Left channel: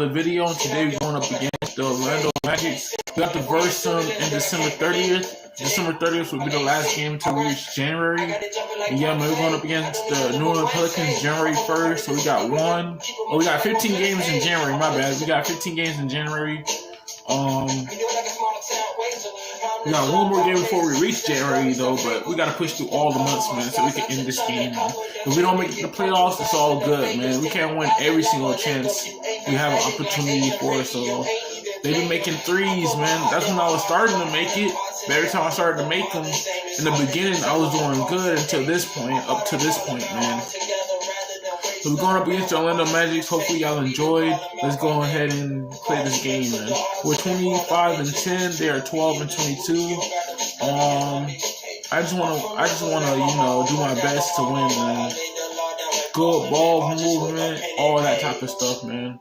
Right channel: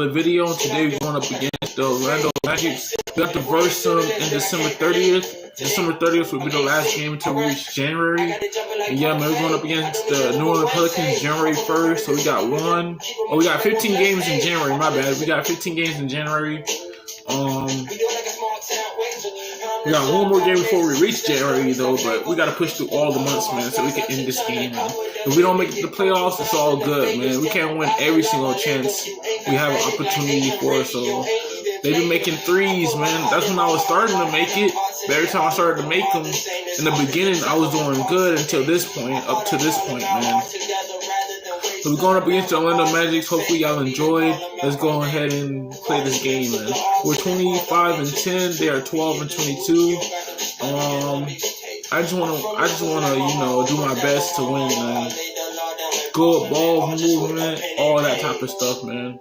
another video, and today we're going up against the Orlando Magic. We got to verse them in December 30th. December 30th will be the last game until we reach January. And yeah, man, we're going up against the New Orleans Pelicans January 1st. So we got 15 games in January. My bad. We got 15 games in January. We got one more game before we reach January, though, but we got to push through all the months, man, so we can end this game, man. If we don't make the playoffs, it's all good, man. We can't win every single chance we have an opportunity for, so they've been making threes, man. That's when I was starting to make it. But every time I started to make them, in the beginning, I was doing good until this point, up to this point, man. So we're going up against the Orlando Magic. Hopefully y'all enjoyed. Let's go ahead and play this game, man. We're 25-10. They are 12-22. I just wanna, you know, do my best to win, man. Good ball movement, all that type of stuff, man.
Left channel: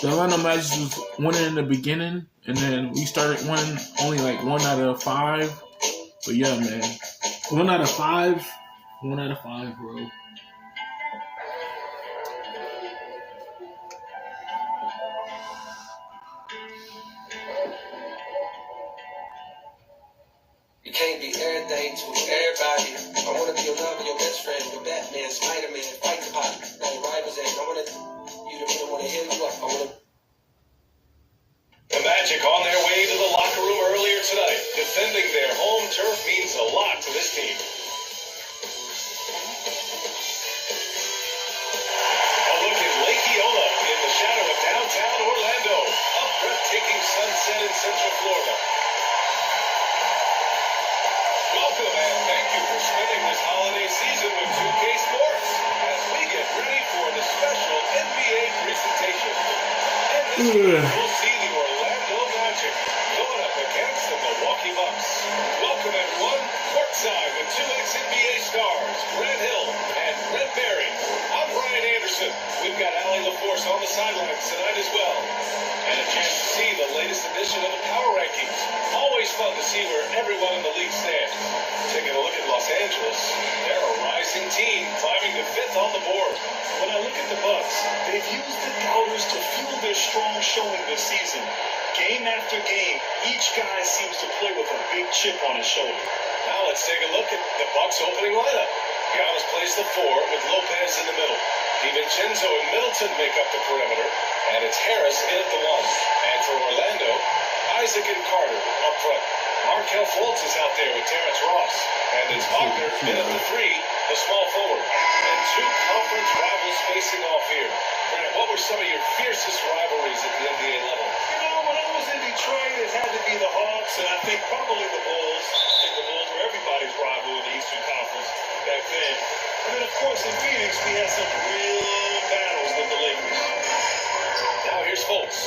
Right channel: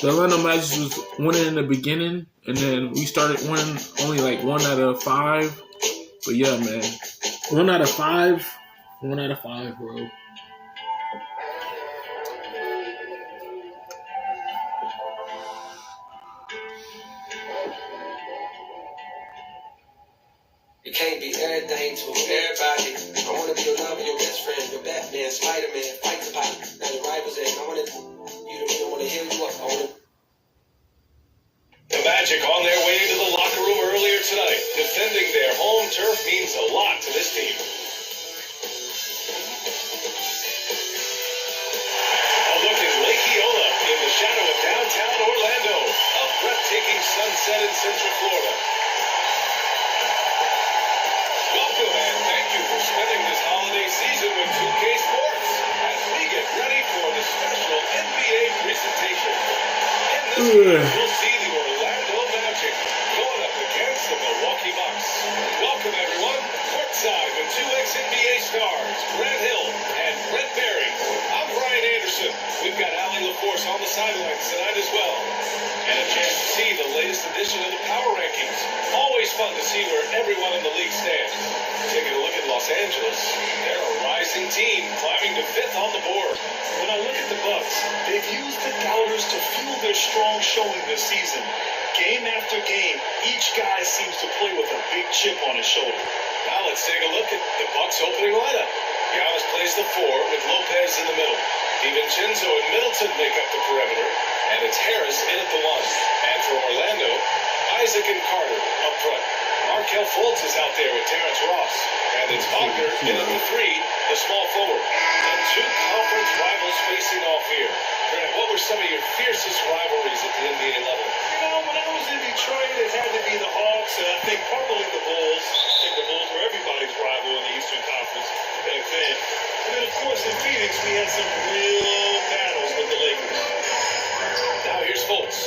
The Orlando Magic was winning in the beginning, and then we started winning only like 1 out of 5. But yeah, man, 1 out of 5, 1 out of 5, bro. You can't be everything to everybody. I want to be your lover, your best friend, your Batman, Spider-Man, fight the pot. Now the rivals ain't. I want you to want to hear you up. The Magic on their way to the locker room earlier tonight. Defending their home turf means a lot to this team. A look at Lake Eola in the shadow of downtown Orlando. A breathtaking sunset in Central Florida. Welcome and thank you for spending this holiday season with 2K Sports as we get ready for the special NBA presentation. In this game, we'll see the Orlando Magic going up against the Milwaukee Bucks. Welcome everyone, courtside with 2 ex-NBA stars, Grant Hill and Brent Barry. I'm Brian Anderson. We've got Allie LaForce on the sidelines tonight as well. And a chance to see the latest edition of the Power Rankings. Always fun to see where everyone in the league stands. Taking a look at Los Angeles, they're a rising team, climbing to 5th on the board. When I look at the Bucks, they've used the doubters to fuel their strong showing this season. Game after game, each guy seems to play with a big chip on his shoulder. Now let's take a look at the Bucks opening lineup. Giannis plays the 4 with Lopez in the middle. DiVincenzo and Middleton make up the perimeter, and it's Harris in at the 1. And for Orlando, Isaac and Carter up front. Markelle Fultz is out there with Terrence Ross. And it's Wagner in at the 3, the small forward. And 2 conference rivals facing off here. Grant, what were some of your fiercest rivalries at the NBA level? You know, when I was in Detroit, it had to be the Hawks, and I think probably the Bulls. I think the Bulls were everybody's rival in the Eastern Conference back then. And then, of course, in Phoenix, we had some real battles with the Lakers. Now here's Fultz.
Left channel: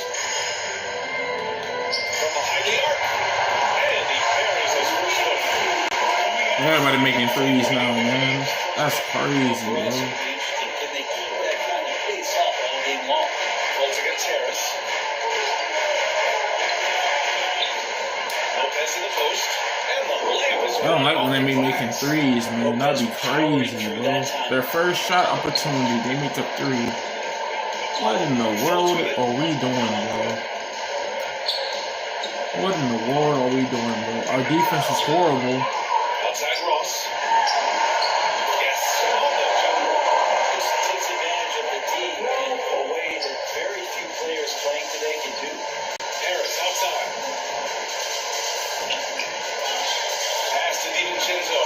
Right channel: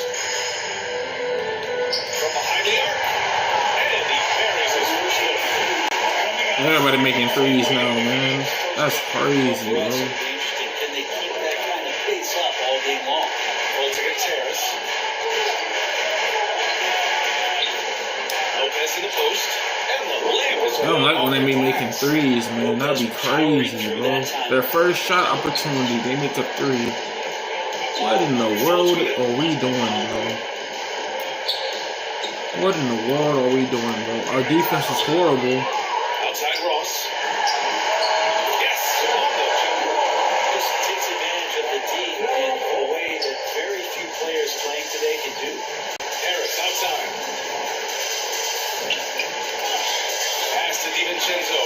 From behind the arc. And he parries his first look. Everybody making threes now, man. That's crazy, bro. Can they keep that kind of pace up all game long? Fultz against Harris. Lopez in the post. And the layup is I don't like when they be making threes, man. That'd be crazy, bro. Their first shot opportunity, they make a 3. What in the world are we doing, bro? What in the world are we doing, bro? Our defense is horrible. Outside Ross. Yes, This takes advantage of the team in a way that very few players playing today can do. Harris outside. Pass to DiVincenzo.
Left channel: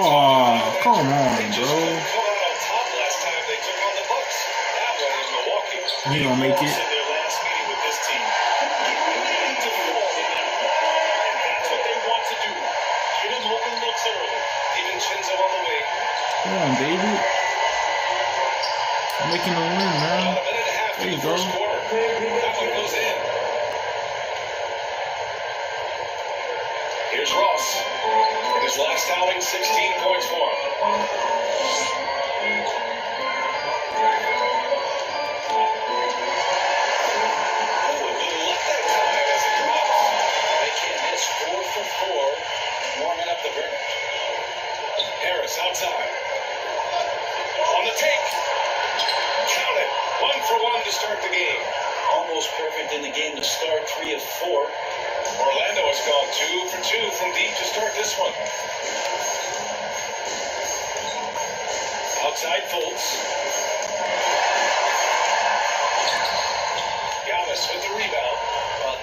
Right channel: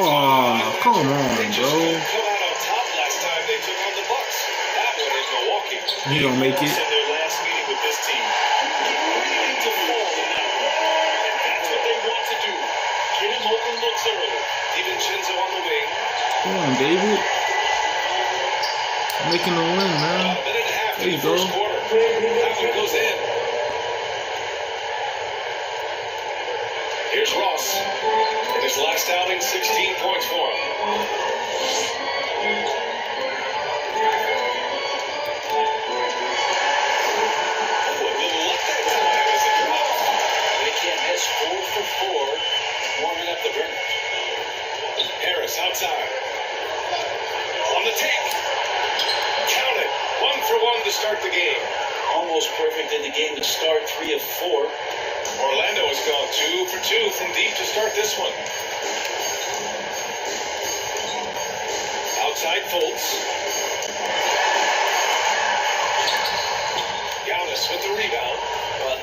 Oh, come on, Come bro. out on top last time they took on the Bucks. That one is Milwaukee. He gonna make In it. their last meeting with this team. They need to fall in that run. And that's what they want to do. Get him open looks early. DiVincenzo on the wing. Come on, David. Making a win, man. A minute and a half There you in the go. first quarter. That one goes in. Here's Ross. In his last outing, 16 points for him. They can't miss 4 for 4 warming up the bench. Harris outside. to start the game. Almost perfect in the game to start, 3 of 4. Orlando has gone 2 for 2 from deep to start this one. Outside Fultz. Giannis with the rebound.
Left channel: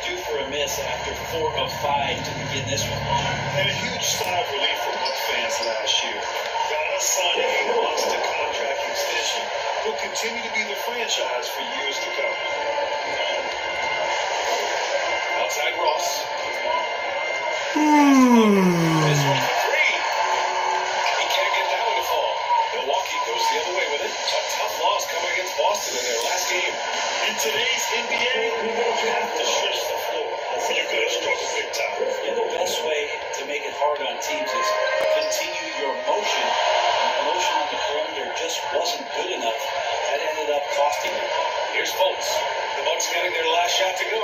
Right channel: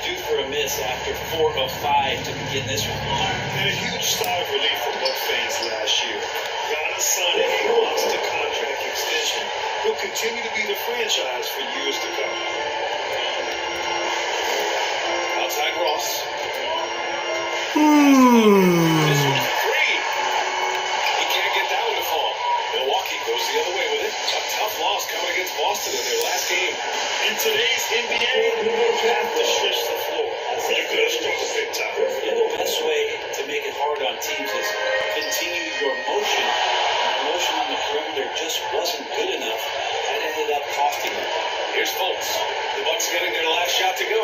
Due for a miss after 4 of 5 to begin this one. And a huge sigh of relief for Buck fans last year. Giannis signing a monster contract extension. He'll continue to be the franchise for years to come. Outside Ross. This one's free. He can't get that one to fall. Milwaukee goes the other way with it. A tough loss coming against Boston in their last game. In today's NBA, you have to stretch the floor. You're going to struggle big time. Yeah, the best way to make it hard on teams is continue your motion. And the motion on the perimeter just wasn't good enough. That ended up costing them. Here's Fultz. The Bucks getting their last shot to go.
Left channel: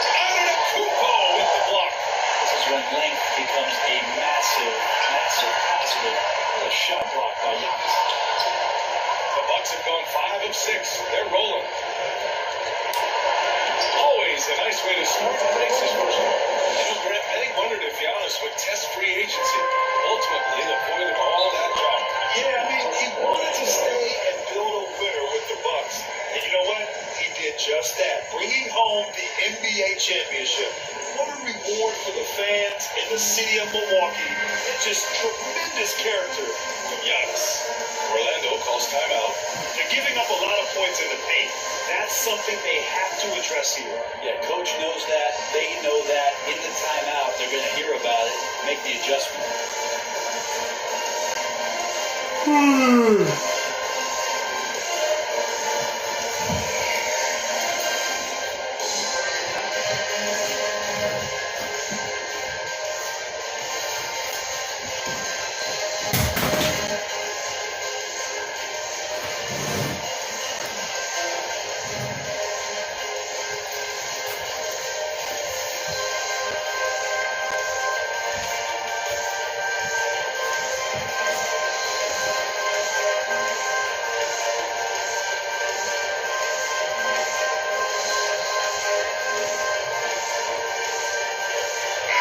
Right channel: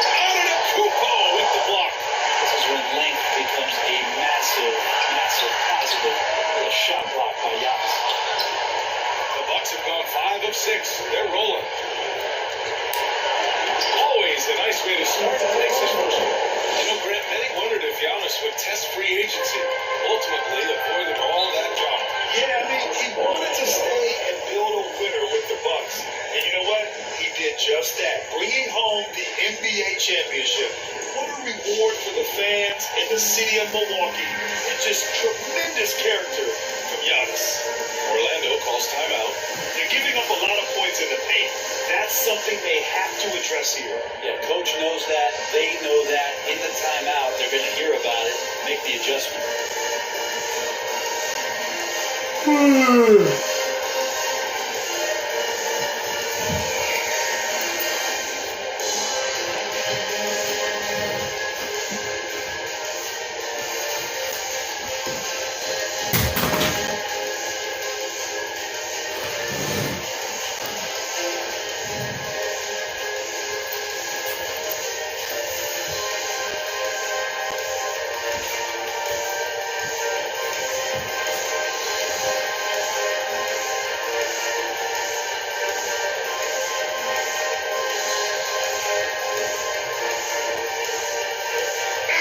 Antetokounmpo with the block. This is when length becomes a massive, massive positive. A shot block by Giannis. The Bucks have gone 5 of 6. They're rolling. Always a nice way to start and face his first one. You know, Grant, many wondered if Giannis would test free agency. Ultimately, avoided all that drama. Yeah, I mean, he wanted to stay and build a winner with the Bucks. And you know what? He did just that, bringing home the NBA championship. What a reward for the fans in the city of Milwaukee. And just tremendous character from Giannis. Orlando calls timeout. They're giving up a lot of points in the paint. That's something they have to address here. Yeah, coach knows that. They know that. In the timeout, they're going to hear about it, make the adjustment.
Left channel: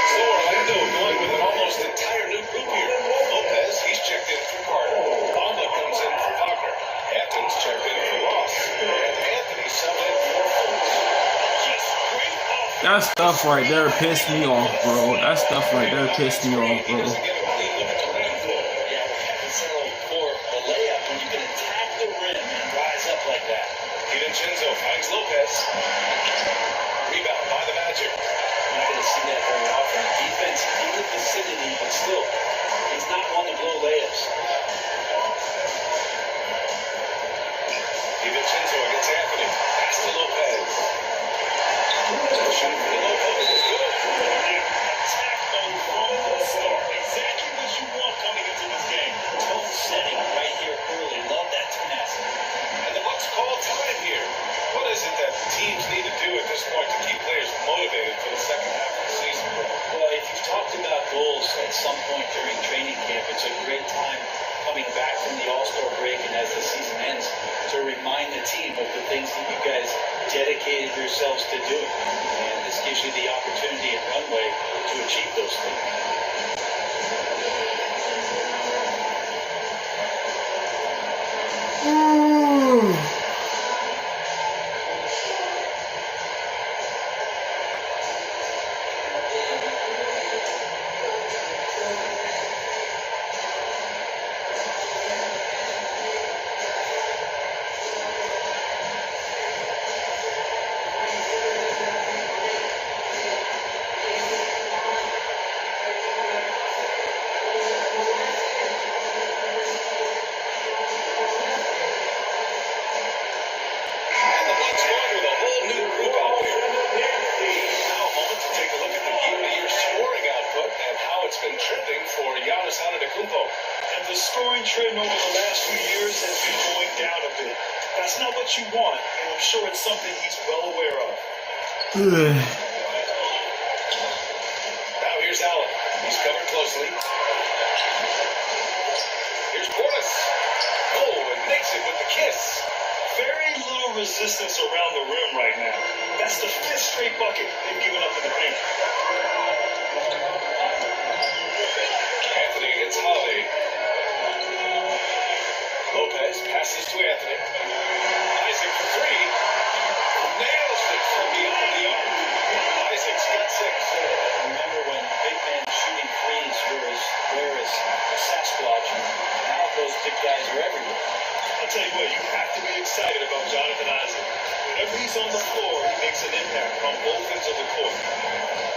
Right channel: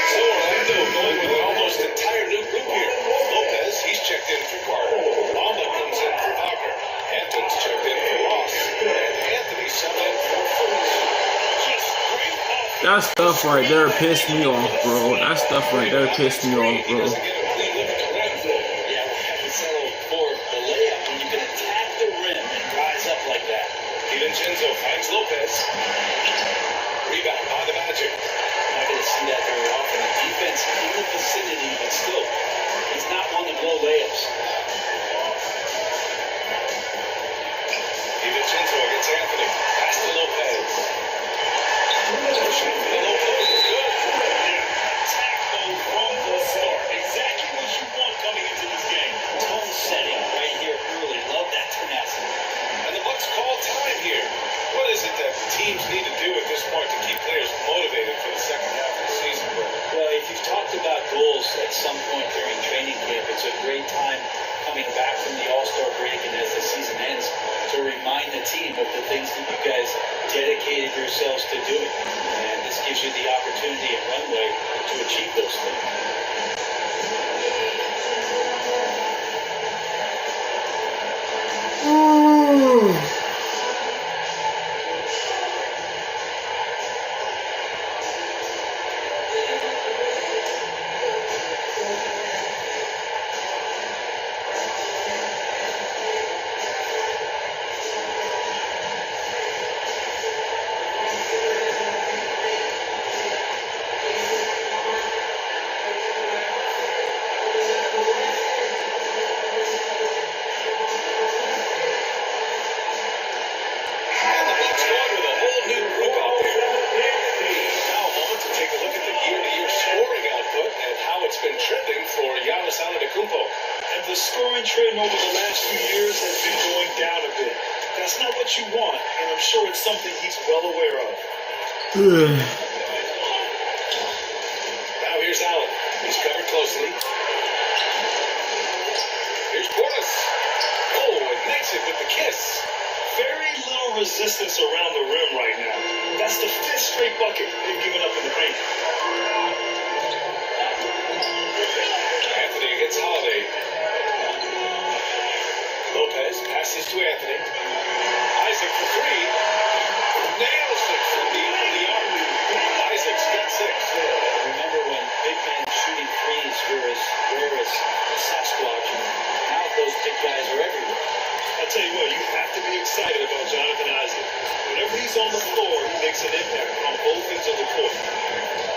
So Orlando going with an almost entire new group here. Lopez, he's checked in for Carter. Bamba comes in for Wagner. Hampton's checked in for Ross. And Anthony subbed in for Fultz. Just great offense. That stuff right there pissed me off, bro. That stuff right there pissed me off, He bro. doesn't get a clean look at the rim. Yeah, we have to settle for the layup when you can attack the rim and rise up like that. DiVincenzo finds Lopez. Rebound by the Magic. You're not going to see that very often. The defense in the vicinity, but still, he's not one to blow layups. DiVincenzo against Anthony. Pass to Lopez. Shot for the low post is good. Attack mode from the start. Exactly what you want coming into this game. Tone setting right here early. Love that tenacity. And the Bucks call time here. What is it that teams need to do at this point to keep players motivated for the second half of the season? Well, if you've talked about goals at some point during training camp, it's a great time coming back from the All-Star break and as the season ends to remind the team of the things that you guys dedicated yourselves to doing. And this gives you the opportunity and runway to achieve those things. And the Bucks going with a whole new group out there. Now a moment to take a look at the year-to-year scoring output and how it's been trending for Giannis Antetokounmpo. And the scoring trend over the last few years has been going down a bit. That's not what you want, and I'm sure it's something he's well aware of. Now here's Allen. He's covered closely. Here's Portis. resistance around the rim right now. That's the 5th straight bucket they've given up in the paint. Anthony against Holiday. Lopez passes to Anthony. Isaac for three. Nails it from beyond the arc. Isaac's got 6. Remember when big men shooting threes were as rare as Sasquatch? Now those big guys are everywhere. I'll tell you what, you have to be excited about Jonathan Isaac. Whenever he's on the floor, he makes an impact on both ends of the court.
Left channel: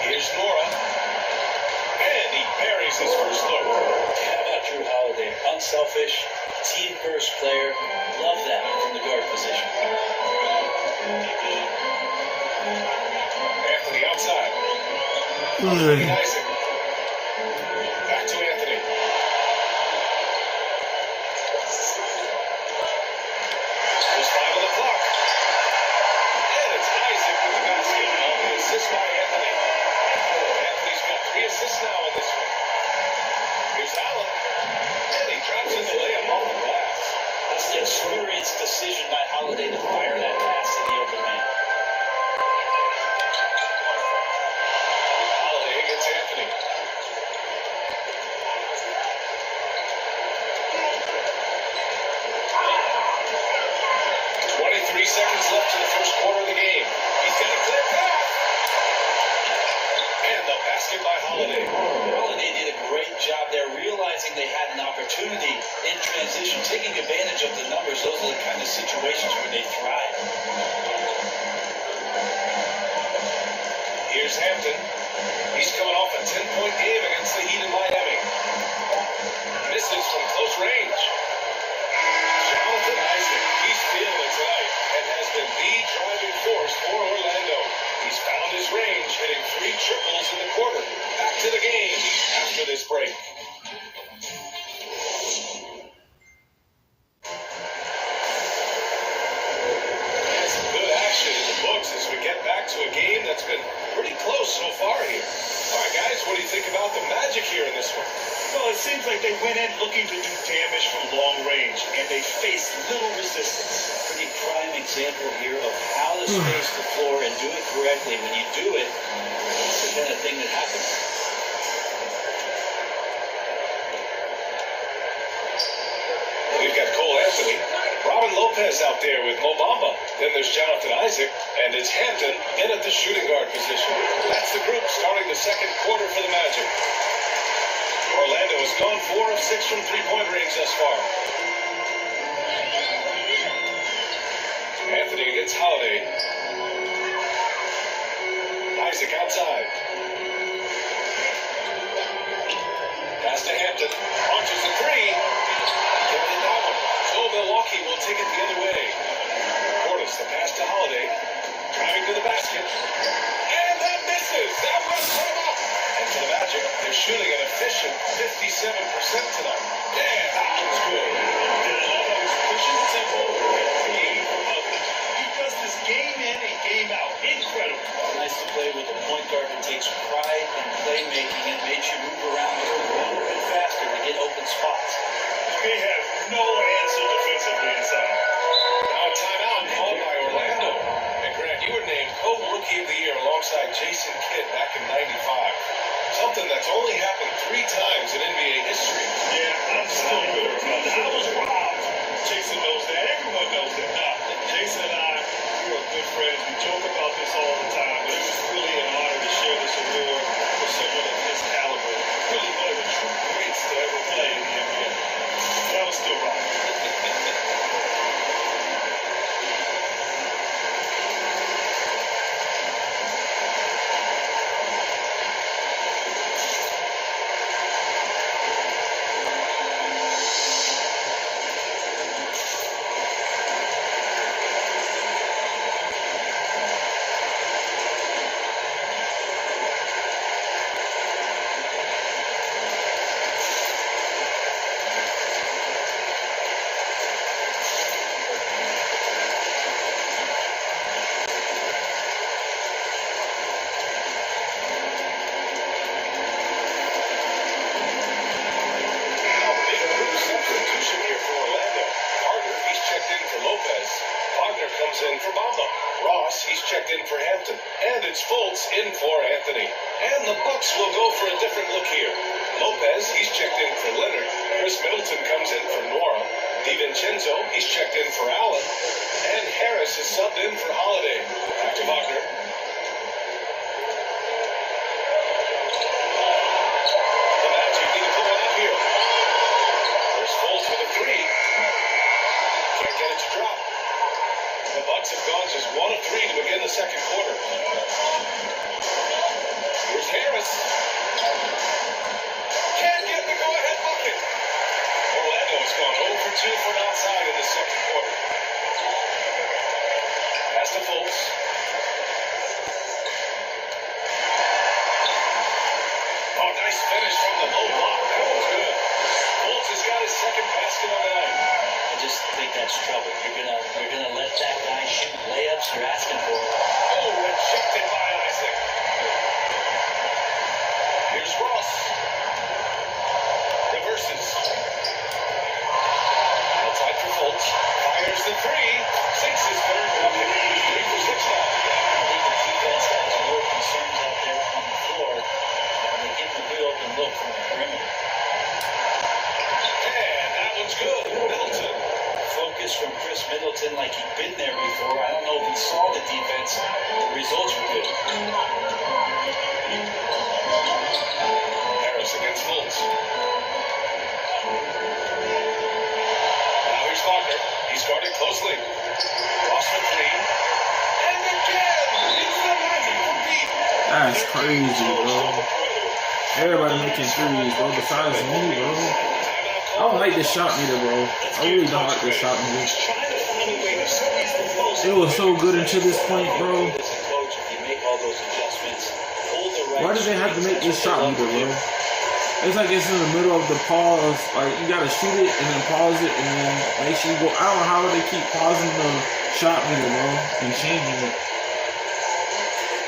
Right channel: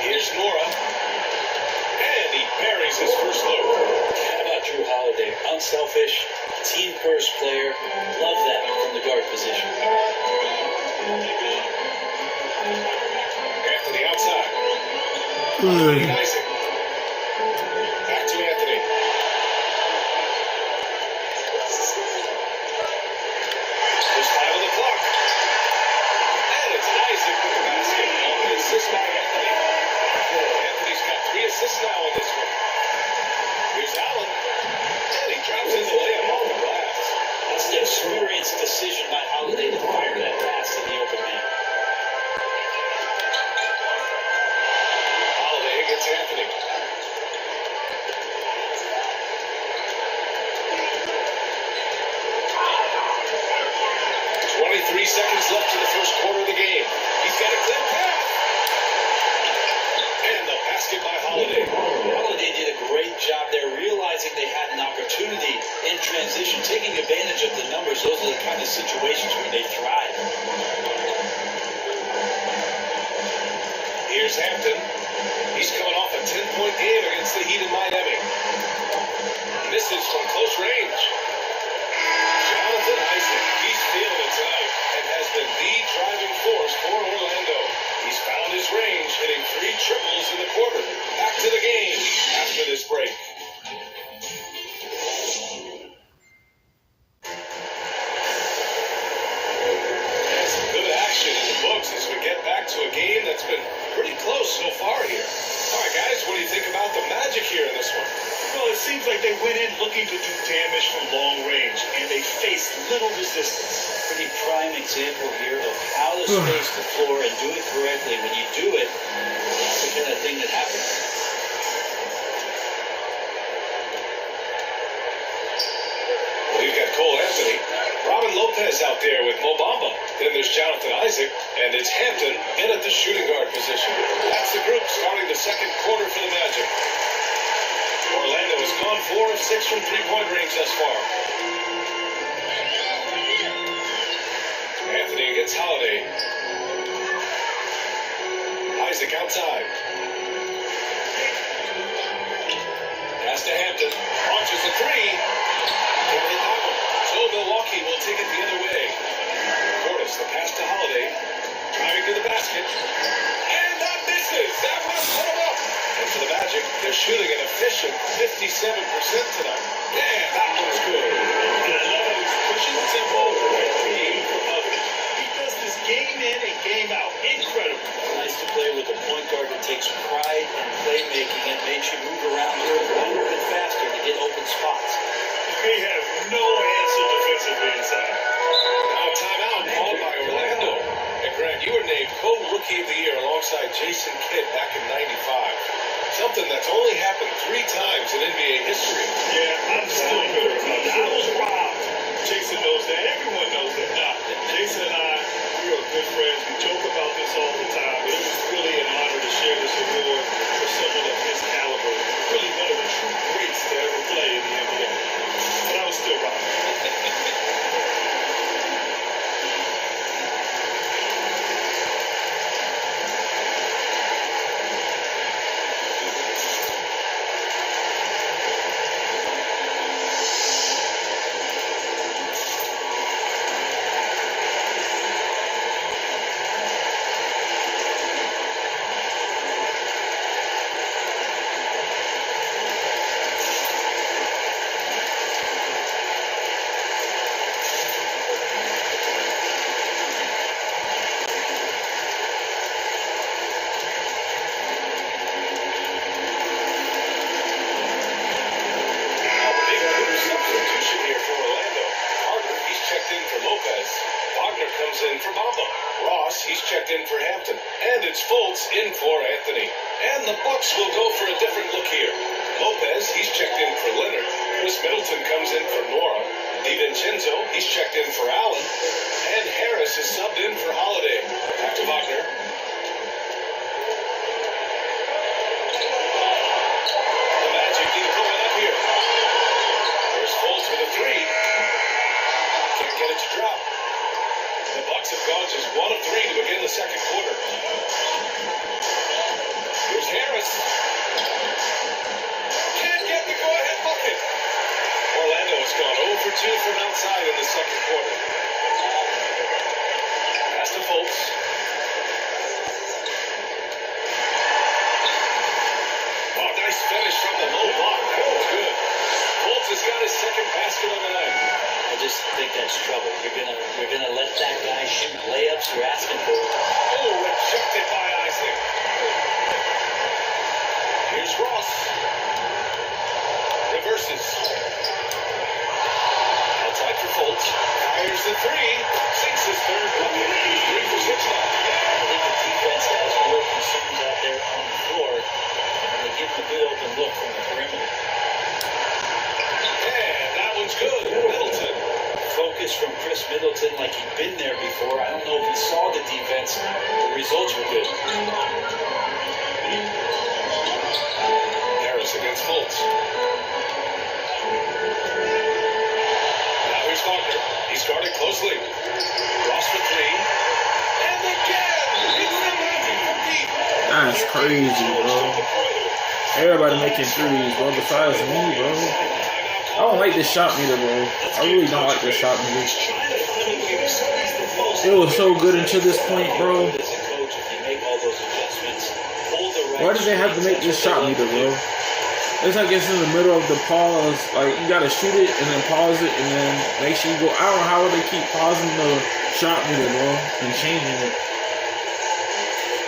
Here's Nora. And he buries his first look. How about Drew Holiday? Unselfish, team-first player. Love that from the guard position. Anthony outside. Isaac. Back to Anthony. There's 5 on the clock. And it's Isaac with the basket. An assist by Anthony. Anthony's got 3 assists now in this one. Here's Allen. And he drops in the layup off the glass. That's an experienced decision by Holiday to fire that pass in the open man. Holiday against Anthony. 23 seconds left in the first quarter of the game. He's got a clear path. And the basket by Holiday. Holiday did a great job there, realizing they had an opportunity in transition, taking advantage of the numbers. Those are the kind of situations where they thrive. Here's Hampton. He's coming off a 10-point game against the Heat in Miami. Misses from close range. Jonathan Isaac, he's feeling it tonight and has been the driving force for Orlando. He's found his range, hitting 3 triples in the quarter. Back to the game after this break. Some good action in the books as we get back to a game that's been pretty close so far here. All right, guys, what do you think about the Magic here in this one? Well, it seems like they went in looking to do damage from long range, and they faced little resistance. Pretty prime example here of how to space the floor and do it correctly. When you do it, it's the kind of thing that happens. We've got Cole Anthony, Robin Lopez out there with Mo Bamba. Then there's Jonathan Isaac, and it's Hampton in at the shooting guard position. That's the group starting the second quarter for the Magic. Orlando has gone 4 of 6 from three-point range thus far. Anthony against Holiday. Isaac outside. Pass to Hampton. Launches the 3. Can't hit that one. So Milwaukee will take it the other way. Portis, the pass to Holiday. Driving to the basket. And that misses. That one put him up. And for the Magic, they're shooting an efficient 57% tonight. Yeah, that one's good. And I love how he's pushing the tempo and creating for others. He does this game in and game out. Incredible. Nice to play with a point guard who takes pride in playmaking and makes you move around a little bit faster to get open spots. They have no answer defensively inside. Now a timeout called by Orlando. And Grant, you were named co-rookie of the year alongside Jason Kidd back in '95. Something that's only happened 3 times in NBA history. Yeah, I'm still bitter about that. I was robbed. Jason knows that. Everyone knows that. Nah, Jason and I, we are good friends. We joke about this all the time. But it was really an honor to share this award with someone of his caliber. Really one of the true greats to ever play in the NBA. But I was still robbed. Schultz in for Anthony. And the Bucks will go for a different look here. Lopez, he's checked in for Leonard. Chris Middleton comes in for Nora. DiVincenzo, he's checked in for Allen. And Harris is subbed in for Holiday. Back to Wagner. The Magic need to put one up here. There's Fultz with a three. Can't get it to drop. The Bucks have gone just 1 of 3 to begin the second quarter. Here's Harris. Can't get the go-ahead bucket. Orlando has gone 0 for 2 from outside in the second quarter. Pass to Fultz. Oh, nice finish from the low block. That was good. Fultz has got his second basket on the night. I just think that's trouble. You're gonna let that guy shoot layups you're asking for. Oh, rejected by Isaac. Here's Ross. Reverses. Outside for Fultz. Fires the three. Sinks his third bucket. 3 for 6 now. I think the defense has more concerns out there on the floor, and they give them a good open look from the perimeter. And that one's good. Middleton. Focus from Chris Middleton like he'd been there before. I don't know if he saw the defense. The results were good. Harris against Fultz. Now here's Wagner. He's guarded closely. Ross for 3. And again! It's the Magic from deep. That's crazy, bro. Everybody making threes, bro, besides me, bro. I don't like this shot neither, bro. I really don't like this shot neither. It was so good until this point, bro. Why did they have to make this shot neither, bro? It's like it's in the middle of the pause. Like, you gotta shoot it and then pause it and then make sure you go. I don't know how they keep pausing the shot neither, bro, and changing it.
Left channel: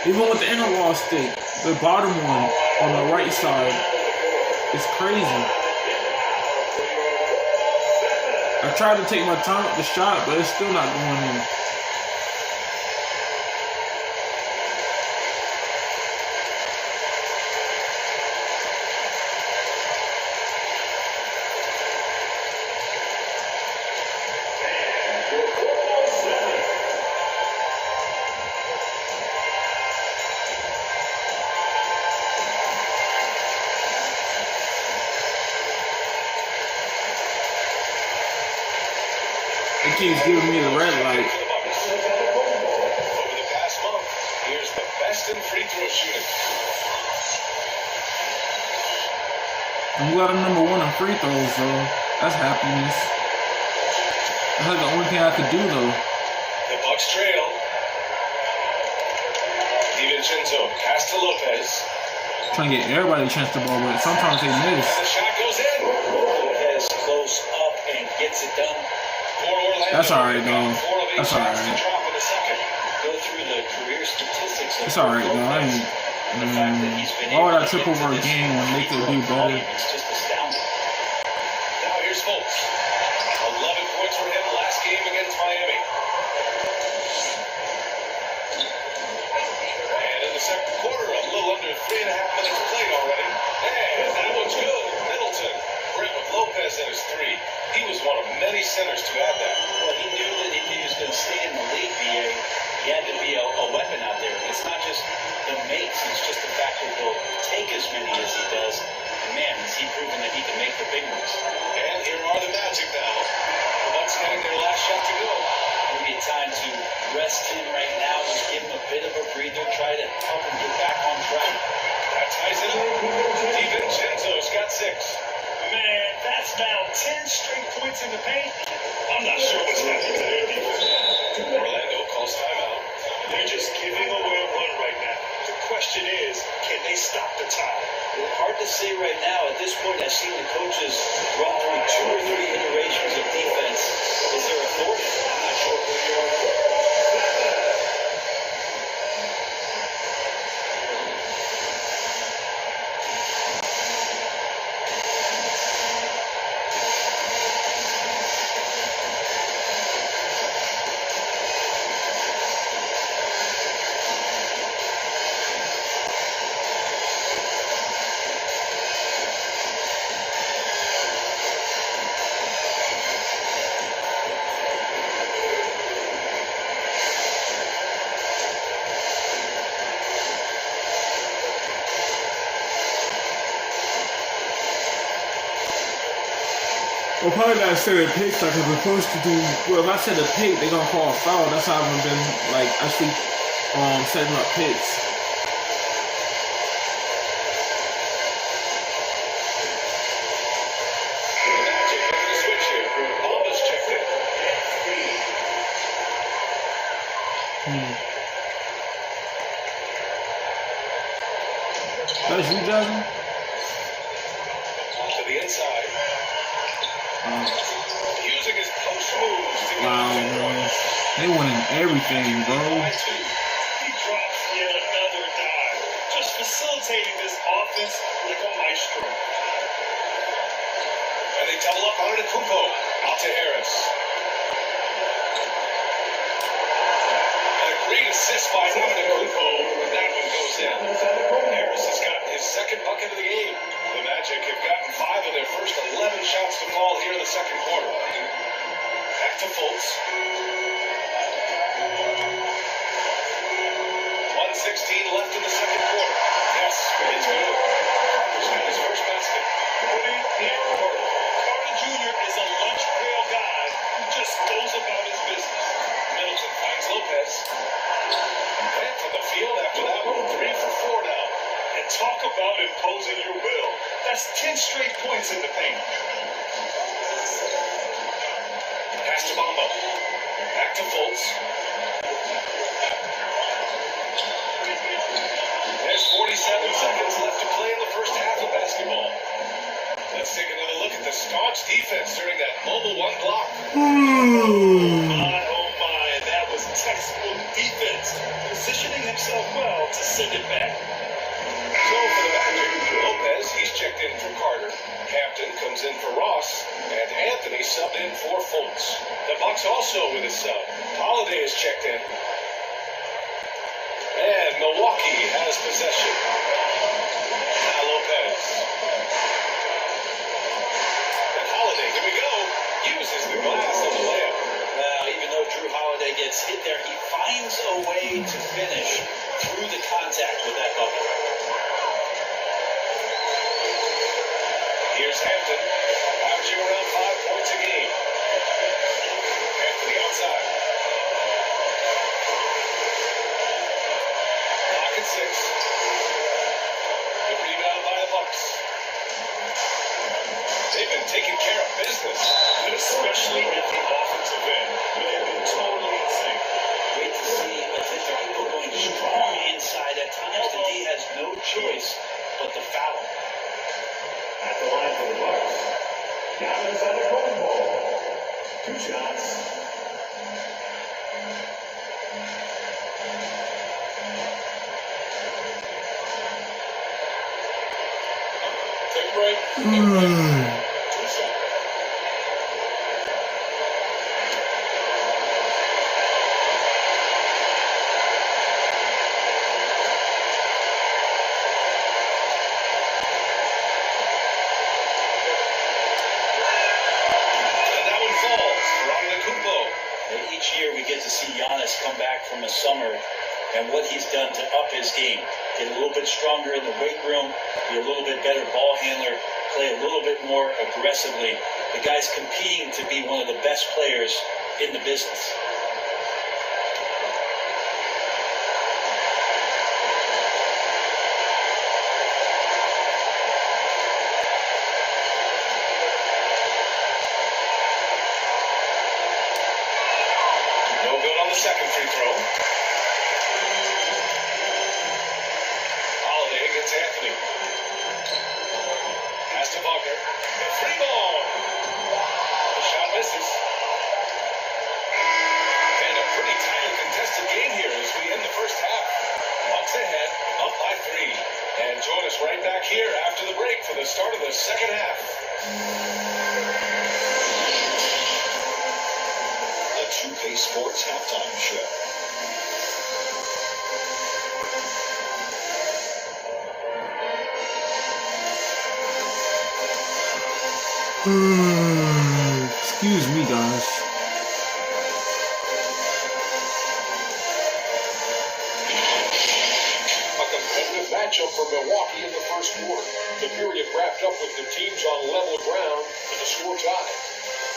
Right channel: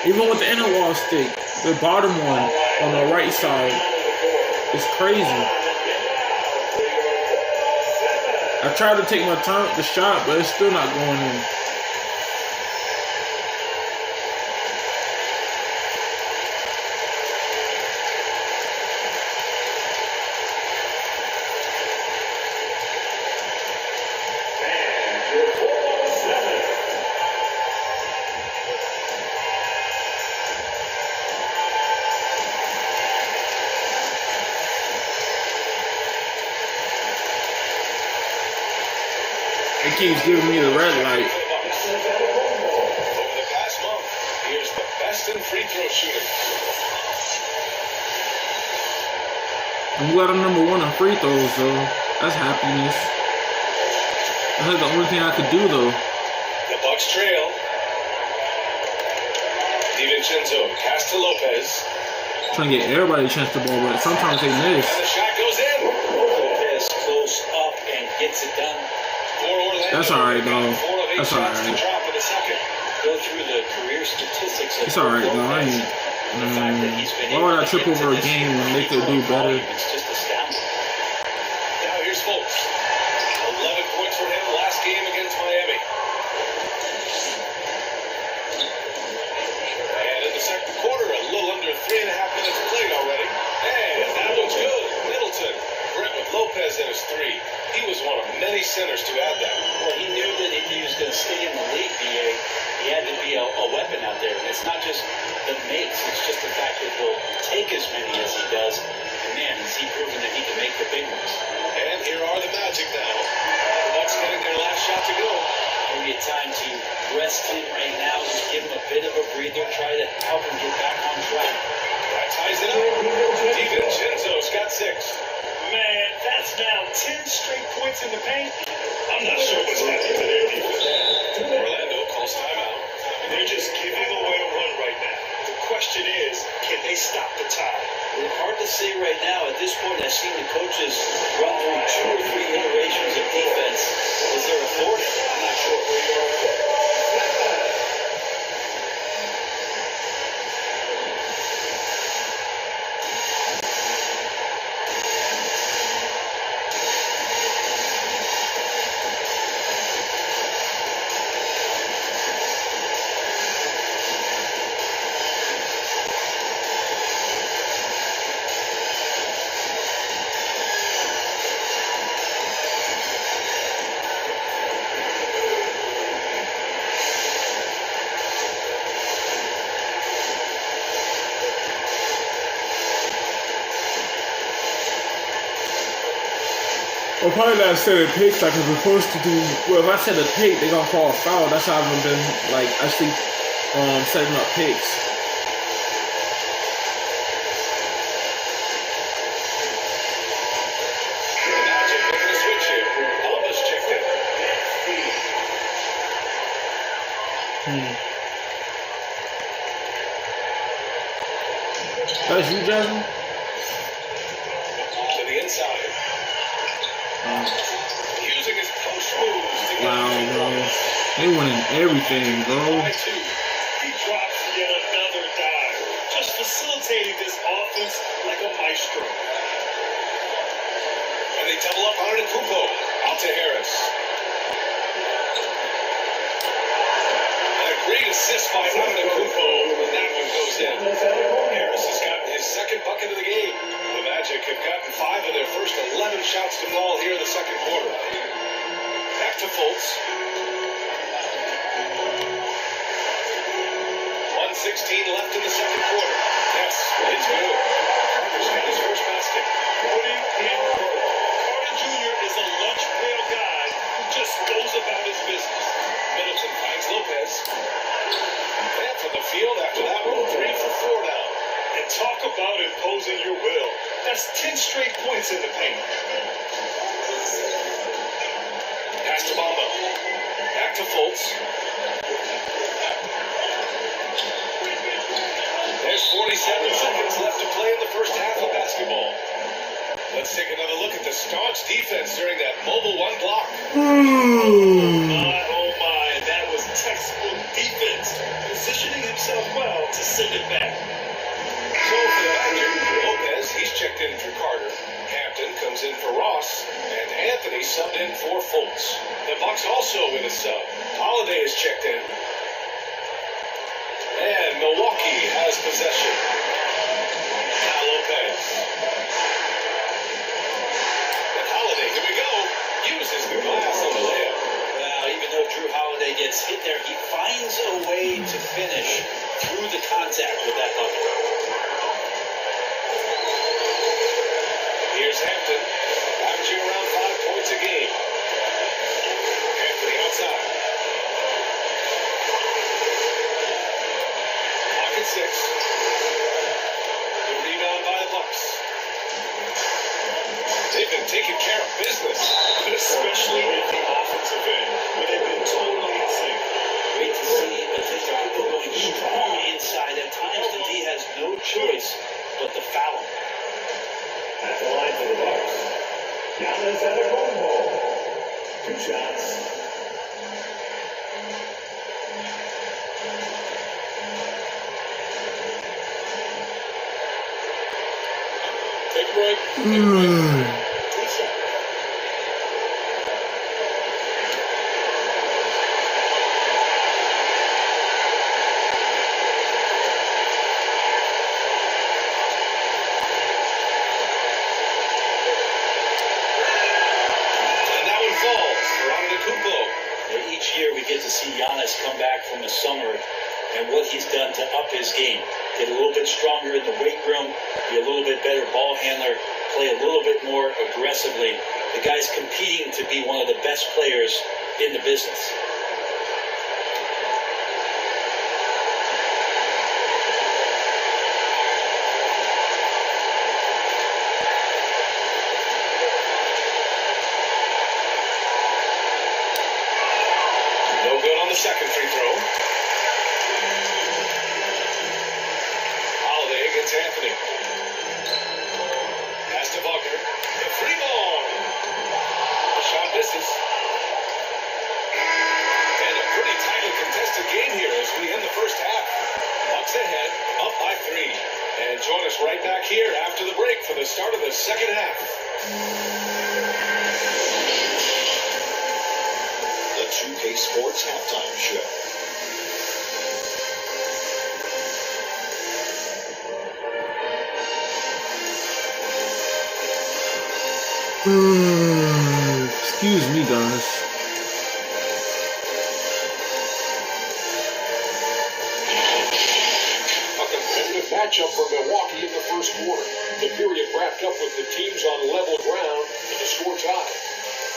Even with the inner wall stick, the bottom one on the right side, it's crazy. I tried to take my time with the shot, but it's still not going in. It keeps giving me the red light. Over the past month, here's the best in free throw shooting. I'm glad I'm #1 in free throws, though. That's happiness. That's like the only thing I could do, though. The Bucks trail. DiVincenzo, pass to Lopez. Trying to get everybody a chance to ball, but sometimes they miss. And the shot goes in. Lopez close up and gets it done. That's alright, though. That's alright. Go through the career statistics. It's alright, though. I ain't. Why would I trip over a game when they could do better? It's just astounding. Now here's Fultz. 11 points for him last game against Miami. And in the second quarter, a little under 3.5 minutes played already. And that one's good. Middleton. Brett with Lopez in his 3. He was one of many centers to add that. Well, he knew that if he was going to stay in the league, BA, he had to be a weapon out there. It's not just the makes, it's just the fact that he'll take as many as he does. And man, has he proven that he can make the big ones. And here are the Magic now. The Bucks getting their last shot to go. Maybe a time to rest him right now, just give him a bit of a breather, try to help him get back on track. That ties it up. DiVincenzo's got 6. Man, that's now 10 straight points in the paint. I'm not sure what's happening to their defense. Orlando calls timeout. They're just giving away a run right now. The question is, can they stop the tide? Well, hard to say right now. At this point, I've seen the coaches run through 2 or 3 iterations of defense. Is there a fourth? I'm not sure. Well, probably not setting picks like I'm supposed to do. Well, if I set a pick, they're gonna call a foul. That's how I haven't been like actually setting up picks. The Magic making a switch here. Almost checked in. That's you, Jasmine? To the inside. Using his post moves to get Wow, the man. They winning everything, bro. by two. He drops yet another dive, just facilitating this offense like a maestro. And they double up on it at Kupo. Out to Harris. And a great assist by Antetokounmpo, but that one goes in. Harris has gotten his second bucket of the game. The Magic have gotten 5 of their first 11 shots to fall here in the second quarter. Back to Fultz. 1:16 left in the second quarter. Yes, it's good. Carter's got his first basket. Putting in work. Carter Jr. is a lunch pail guy who just goes about his business. Middleton finds Lopez. And from the field after that one, 3 for 4 now. And talk about imposing your will. That's 10 straight points in the paint. Pass to Bamba. Back to Fultz. There's 47 seconds left to play in the first half of basketball. Let's take another look at the staunch defense during that mobile one block. Oh my, and that was textbook defense. Positioning himself well to send it back. So for the Magic, Lopez, he's checked in for Carter. Hampton comes in for Ross. And Anthony subbed in for Fultz. The Bucks also with a sub. Holiday is checked in. And Milwaukee has possession. Now Lopez. And Holiday, here we go. Uses the glass on the layup. Well, even though Drew Holiday gets hit there, he finds a way to finish through the contact with that bucket. Here's Hampton, averaging around 5 points a game. Anthony outside. Pocket 6. The rebound by the Bucks. They've been taking care of business. Especially at the offensive end, where they've been totally in sync. Great to see Antetokounmpo going strong inside. At times, the D has no choice but to foul him. At the line for the Bucks, Giannis Antetokounmpo. 2 shots. Take a break. And that one falls for Antetokounmpo. And each year we get to see Giannis come back from the summer and what he's done to up his game. Get a little bit stronger in the weight room, be a little bit better ball handler, play a little bit more aggressively. The guy's competing to be one of the best players in the business. No good on the second free throw. Holiday against Anthony. Pass to Wagner. The free ball. The shot misses. And a pretty tightly contested game here as we end the first half. Bucks ahead, up by 3. And join us right back here after the break for the start of the second half. The 2K Sports Halftime Show. Excuse me, guys. A competitive matchup for Milwaukee in the first quarter. The period get wrapped up with the teams on level ground and the score tie.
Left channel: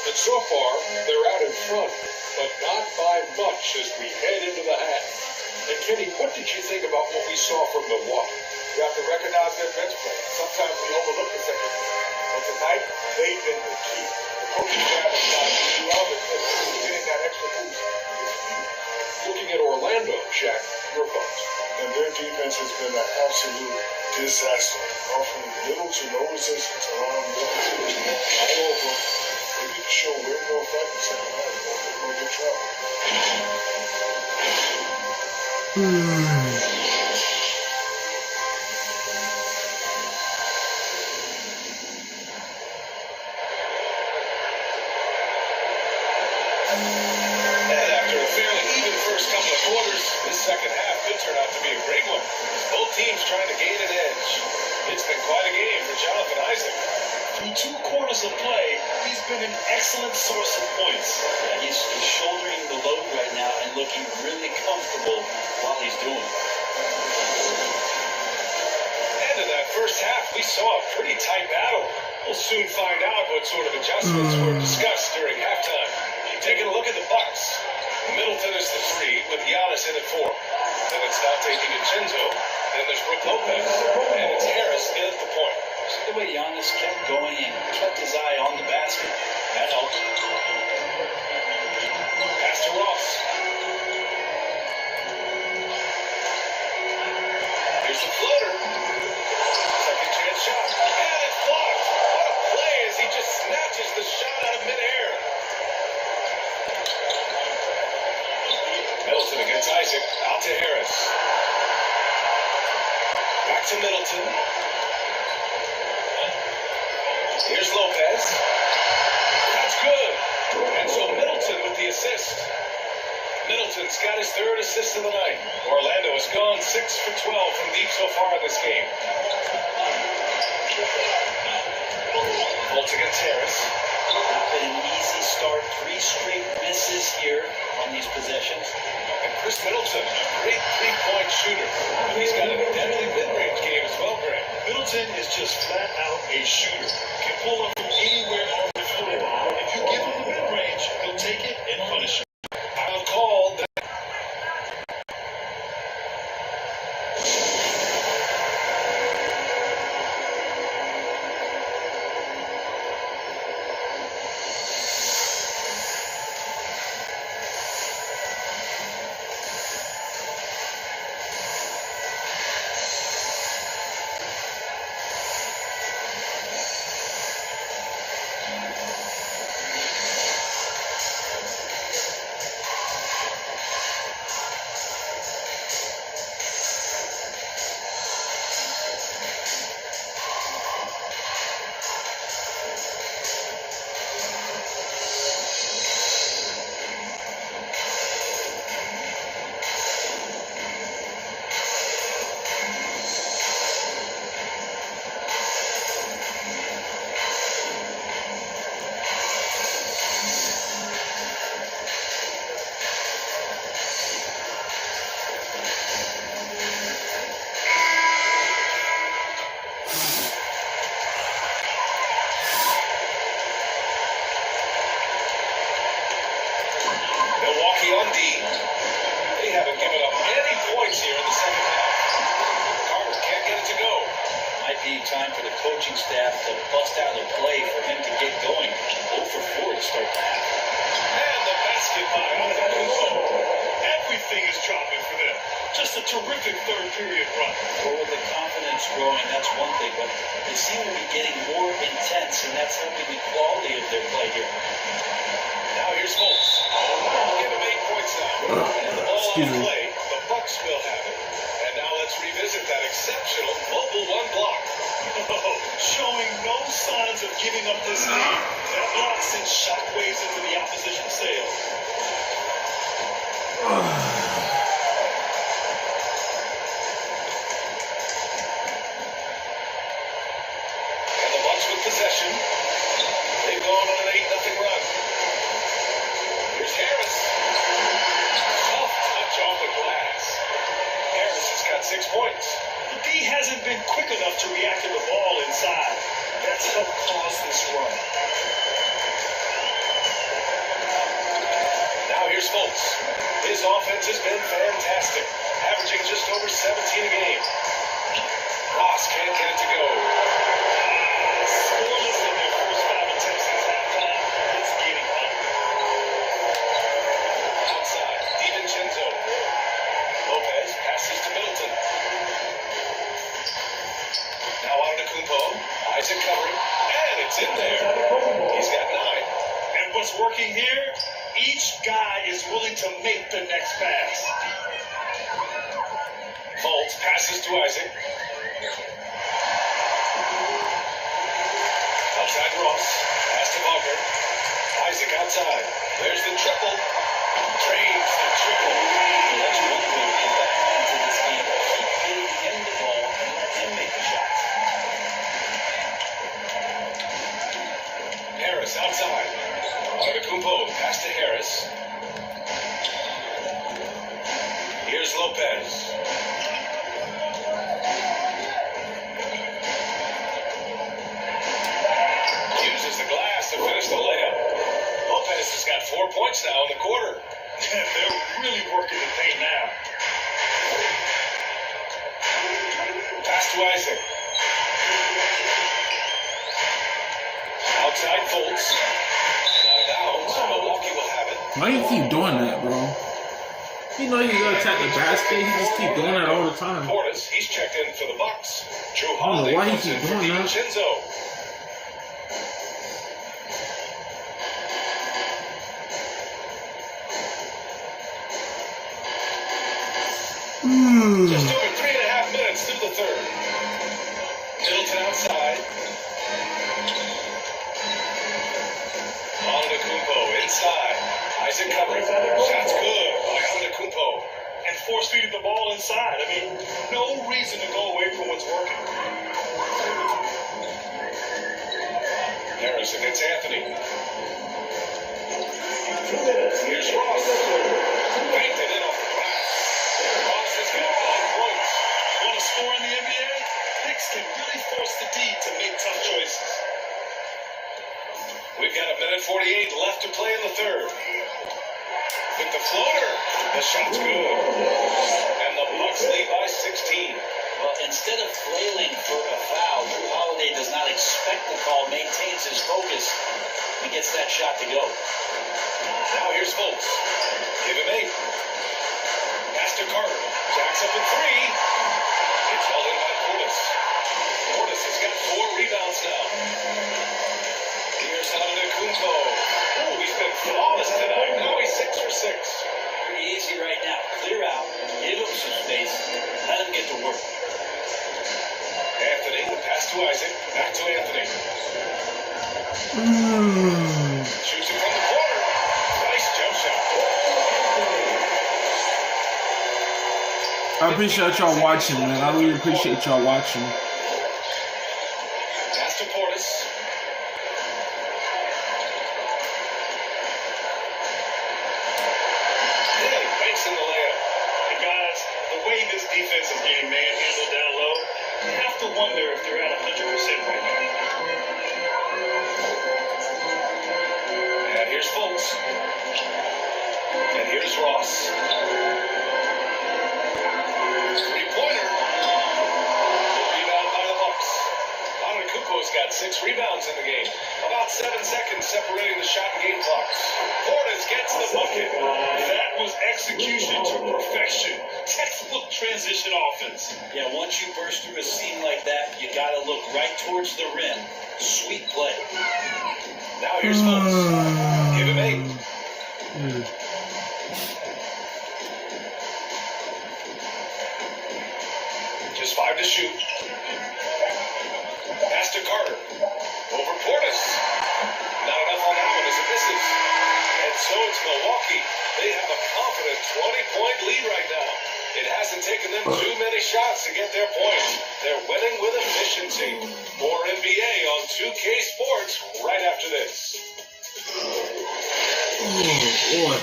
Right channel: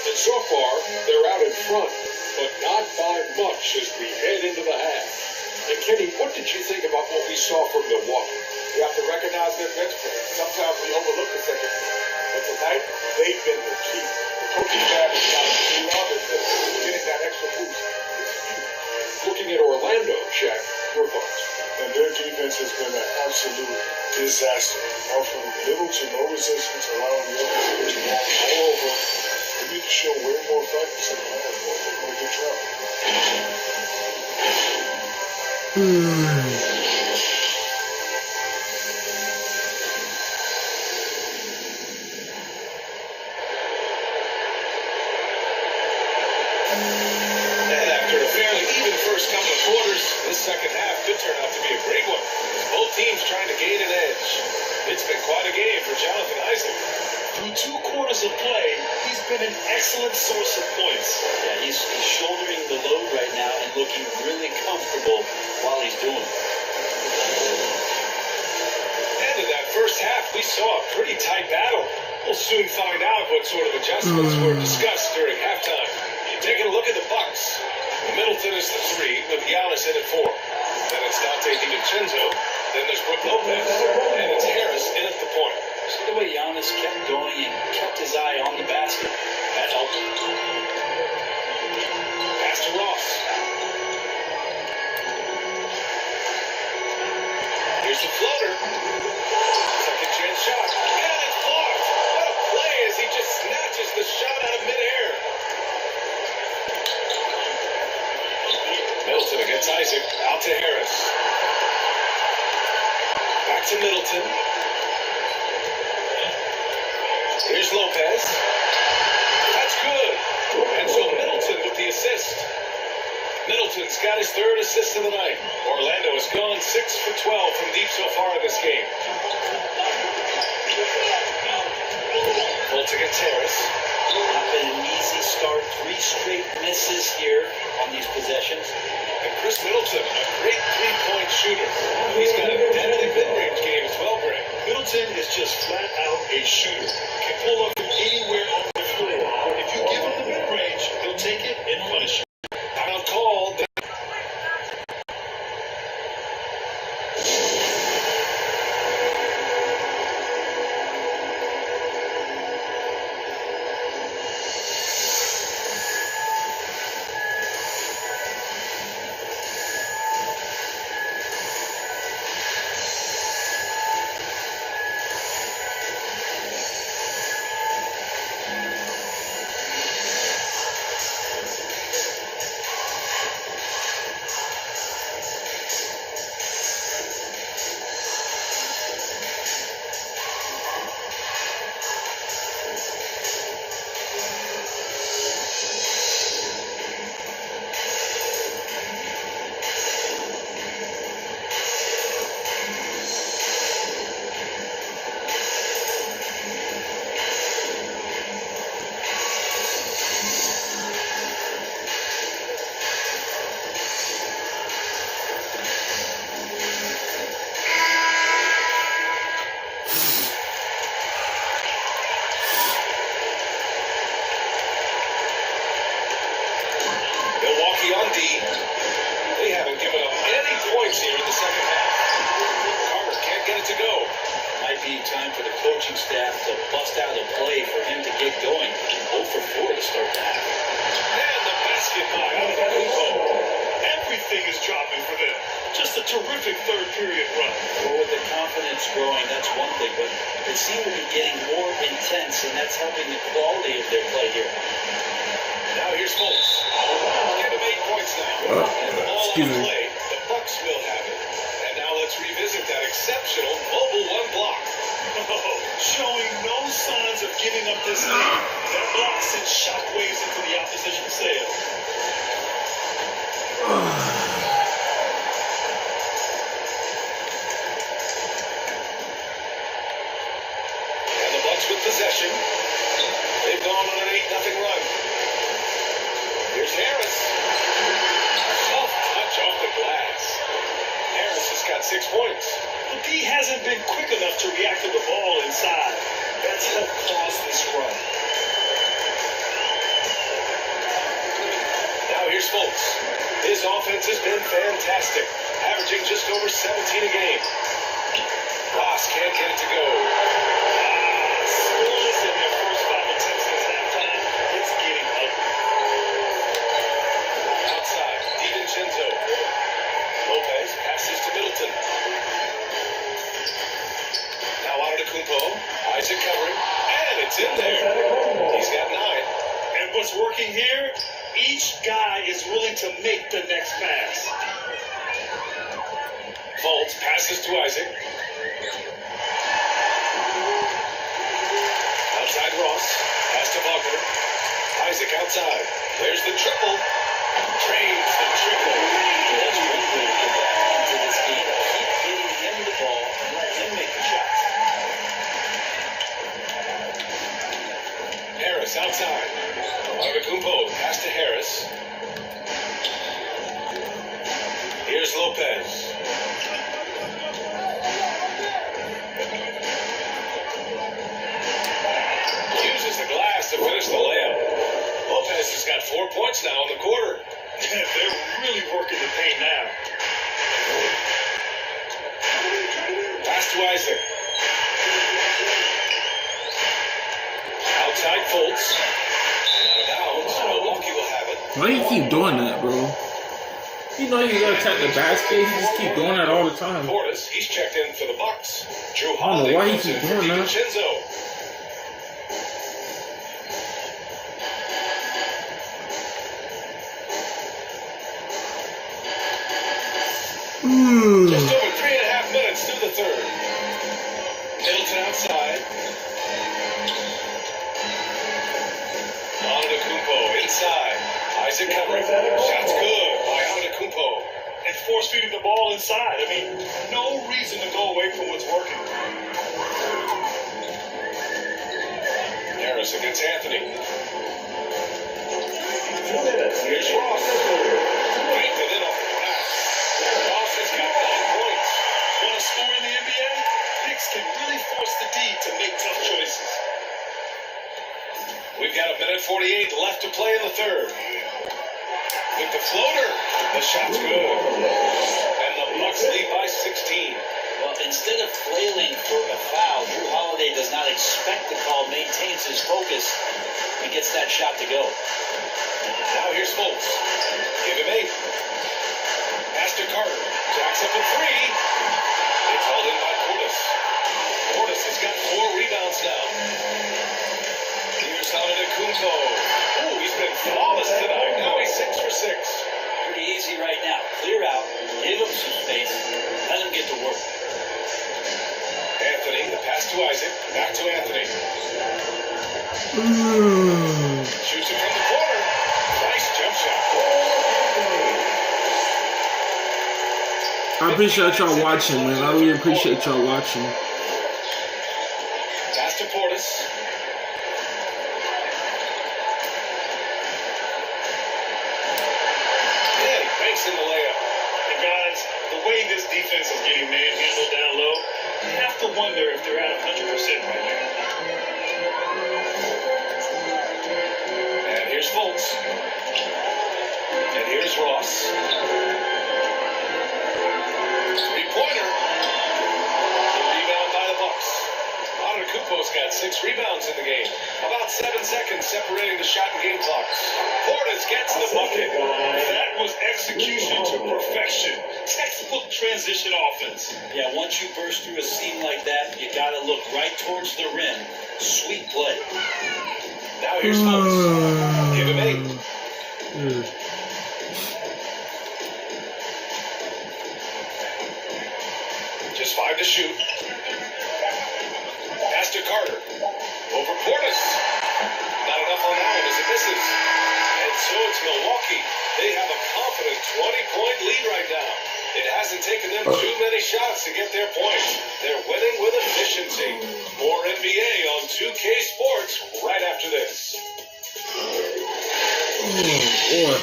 And so far, they're out in front, but not by much as we head into the half. And Kenny, what did you think about what we saw from Milwaukee? You have to recognize their bench play. Sometimes we overlook the second. But tonight, they've been the key. The coaching staff has got to love it. Getting that extra boost. Looking at Orlando, Shaq, your thoughts? And their defense has been an absolute disaster. Offering little to no resistance around the opposition all over. They need to show way more fight in the second half. They're going to get trapped. And after a fairly even first couple of quarters, this second half could turn out to be a great one. Both teams trying to gain an edge. It's been quite a game for Jonathan Isaac. Through 2 quarters of play, he's been an excellent source of points. Yeah, he's shouldering the load right now and looking really comfortable while he's doing it. And in that first half, we saw a pretty tight battle. We'll soon find out what sort of adjustments were discussed during halftime. Taking a look at the Bucks. Middleton is the 3 with Giannis in at 4. Then it's Dante DiVincenzo. Then there's Brook Lopez. And it's Harris in at the point. See the way Giannis kept going and kept his eye on the basket. That helped. Pass to Ross. Here's the floater. Second chance shot. And it's blocked. What a play as he just snatches the shot out of midair. Middleton against Isaac. Out to Harris. Back to Middleton. Here's Lopez. That's good. And so Middleton with the assist. Middleton's got his 3rd assist of the night. Orlando has gone 6 for 12 from deep so far in this game. Bolt against Harris. Not been an easy start. 3 straight misses here on these possessions. And Chris Middleton, a great 3-point shooter. He's got a deadly mid-range game as well, Greg. Middleton is just flat out a shooter. Can pull up from anywhere on the floor. If you give him the mid-range, he'll take it and punish you. Foul called. Milwaukee on D. They haven't given up any points here in the second half. Carter can't get it to go. Might be time for the coaching staff to bust out a play for him to get going. 0 for 4 to start the half. And the basket by Antetokounmpo. Everything is dropping for them. Just a terrific 3rd period run. Well, with the confidence growing, that's one thing, but they seem to be getting more intense, and that's helping the quality of their play here. Now here's Fultz. Give him 8 points now. And the ball excuse on me. play. The Bucks will have it. And now let's revisit that exceptional mobile 1 block. Showing no signs of giving up this lead. That block sends shockwaves into the opposition's sails. And the Bucks with possession. They've gone on an 8-0 run. Here's Harris. Soft touch off the glass. Harris has got 6 points. But D hasn't been quick enough to react to the ball inside. It's in there. He's got 9. And what's working here? Each guy is willing to make the next pass. Fultz passes to Isaac. Outside Ross. Pass to Bogner. Isaac outside. There's the triple. Trains the triple. That's one way to get back into this game. Keep getting him the ball and let him make the shots. Harris outside. Antetokounmpo pass to Harris. Here's Lopez. Uses the glass to finish the layup. Lopez has got 4 points now in the quarter. They're really working the paint now. Pass to Isaac. Outside Fultz. Out of bounds. Milwaukee will have it. Why you keep doing that, bro? You know you gotta attack the basket. He just keep doing that all the time. Portis, he's checked in for the Bucks. Drew I don't know Holiday why he comes keep in for doing that. DiVincenzo. Just over 3.5 minutes through the third. Middleton outside. Antetokounmpo inside. Isaac covering. Shot's good by Antetokounmpo. And force feeding the ball inside. I mean, no reason to go away from what's working. Harris against Anthony. Here's Ross. Banked it in off the glass. Ross has got 9 points. Want to score in the NBA? Hicks can really force the D to make tough choices. We've got 1:48 left to play in the third. With the floater, the shot's good. And the Bucks lead by 16. Well, instead of flailing for a foul, Drew Holiday does not expect the call, maintains his focus, and gets that shot to go. Now here's Fultz. Give him 8. Pass to Carter. Jacks up at 3. It's held in by Portis. Portis has got 4 rebounds now. Here's Antetokounmpo. Oh, he's been flawless tonight. Now he's 6 for 6. Pretty easy right now. Clear out, give him some space, let him get to work. Anthony, the pass to Isaac. Back to Anthony. Shoots it from the corner. Nice jump shot. I appreciate y'all watching, man. I really appreciate y'all watching. Pass to Portis. And banks in the layup. And guys, the way this defense is getting manhandled down low, you have to wonder if they're at 100% right now. And here's Fultz. And here's Ross. 3-pointer. The rebound by the Bucks. Antetokounmpo's got 6 rebounds in the game. About 7 seconds separating the shot and game clocks. Portis gets the bucket. That was execution to perfection. Textbook transition offense. Yeah, once you burst through a seam like that, you got to look right towards the rim. Sweet play. Now here's Fultz. Give him 8. Just 5 to shoot. Pass to Carter. Over Portis. Not enough on that one as it misses. And so it's Milwaukee. They have a confident 20-point lead right now. It hasn't taken them too many shots to get their points. They're winning with efficiency. More NBA on 2K Sports right after this. Oh, boy.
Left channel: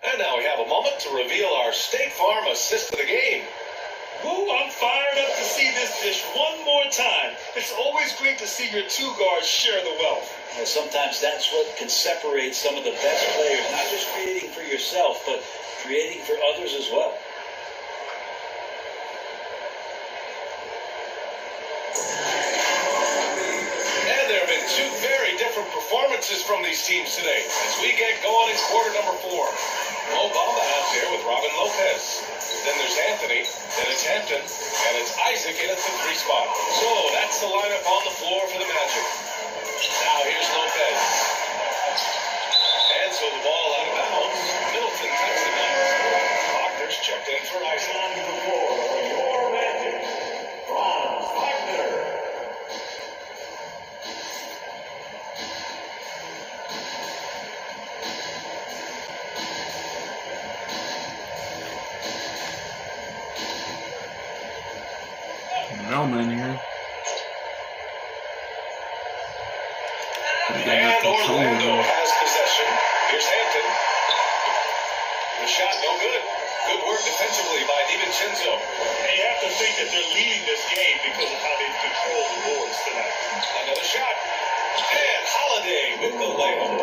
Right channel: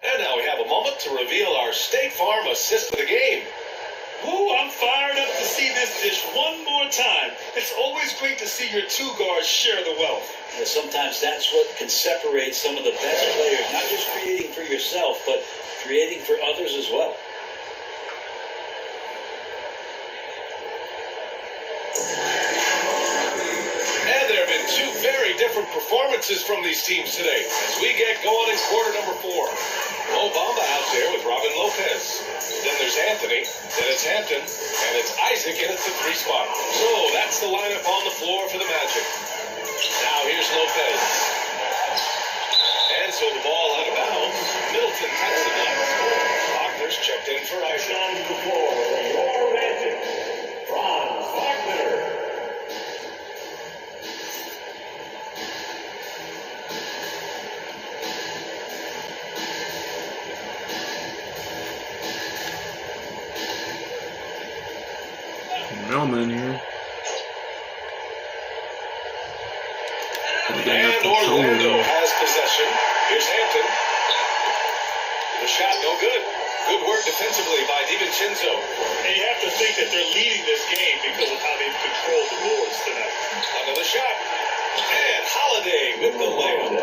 And now we have a moment to reveal our State Farm assist of the game. Ooh, I'm fired up to see this dish one more time. It's always great to see your 2 guards share the wealth. You know, sometimes that's what can separate some of the best players, not just creating for yourself, but creating for others as well. And there have been two very different performances from these teams today as we get going in quarter number 4. Mo Bamba out there with Robin Lopez. Then there's Anthony, then it's Hampton, and it's Isaac in at the 3 spot. So that's the lineup on the floor for the Magic. Now here's Lopez. And so the ball out of bounds. Middleton cuts the net. Wagner's checked in for Isaac. Your Magic, Franz Wagner. Melman here. And Orlando has possession. Here's Hampton. The shot no good. Good work defensively by DiVincenzo. And you have to think that they're leading this game because of how they've controlled the boards tonight. Another shot. And Holiday with the layup.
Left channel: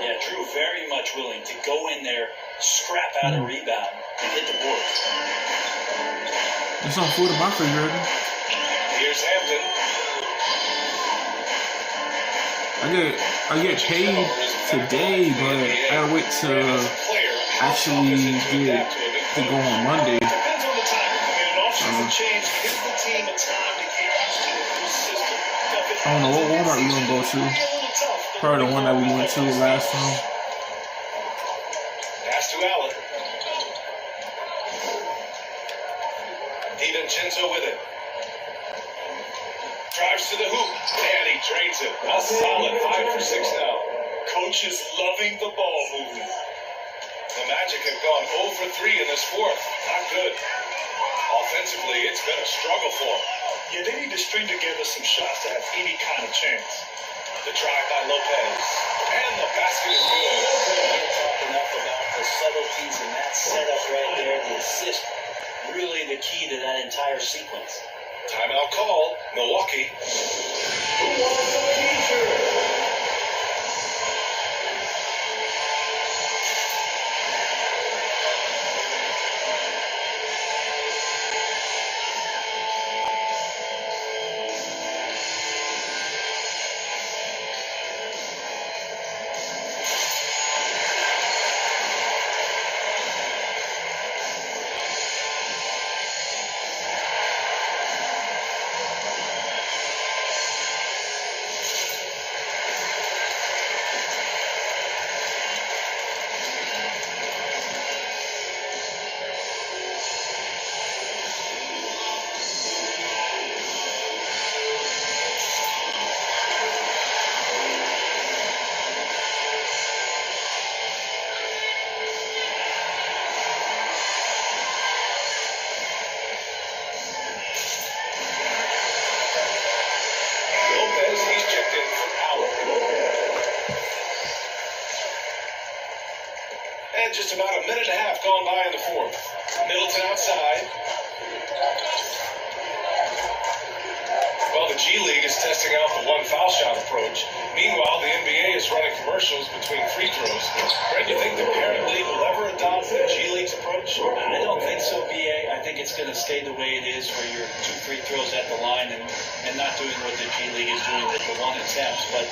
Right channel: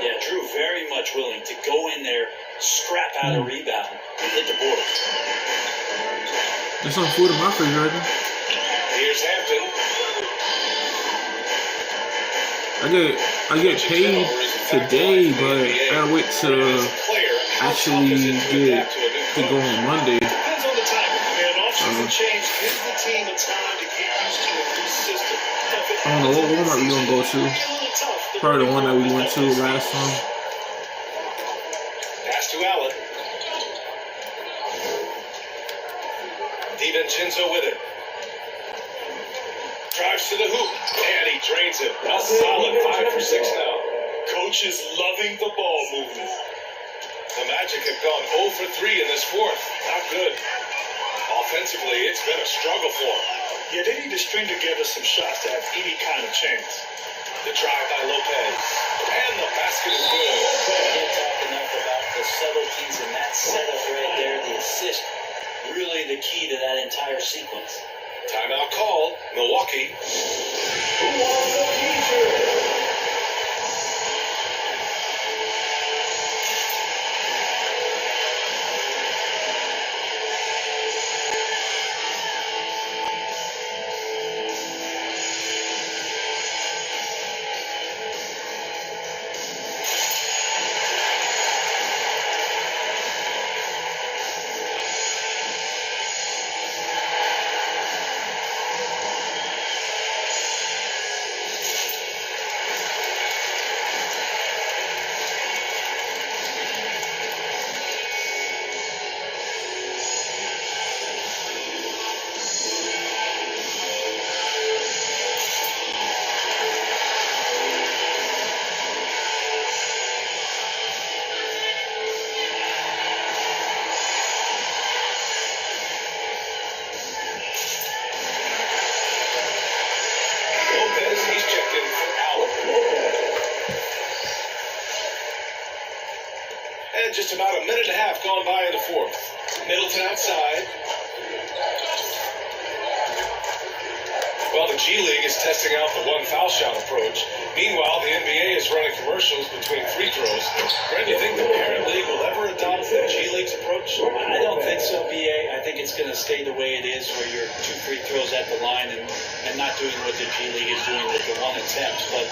Yeah, Drew very much willing to go in there, scrap out a rebound, and hit the board. There's some food in my refrigerator. Here's Hampton. I get paid today, but I gotta wait to actually get to go on Monday. Depends on the timing. Man, off-season change gives the team a time to get used to a new system. I don't know what Walmart we gonna go to. Probably the one that we went to last time. Pass to Allen. DiVincenzo with it. Drives to the hoop, and he drains it. A solid 5 for 6 now. Coach is loving the ball movement. The Magic have gone 0 for 3 in this fourth. Not good. Offensively, it's been a struggle for them. Yeah, they need to string together some shots to have any kind of chance. The drive by Lopez. And the basket is good. Can't talk enough about the subtleties in that setup right there. The assist, really the key to that entire sequence. Timeout call. Milwaukee. Who wants the future? Just about a minute and a half gone by in the fourth. Middleton outside. Well, the G League is testing out the one foul shot approach. Meanwhile, the NBA is running commercials between free throws. Brent, you think the parent league will ever adopt the G League's approach? I don't think so, BA. I think it's going to stay the way it is, where you're 2 free throws at the line and not doing what the G League is doing with the 1 attempts. But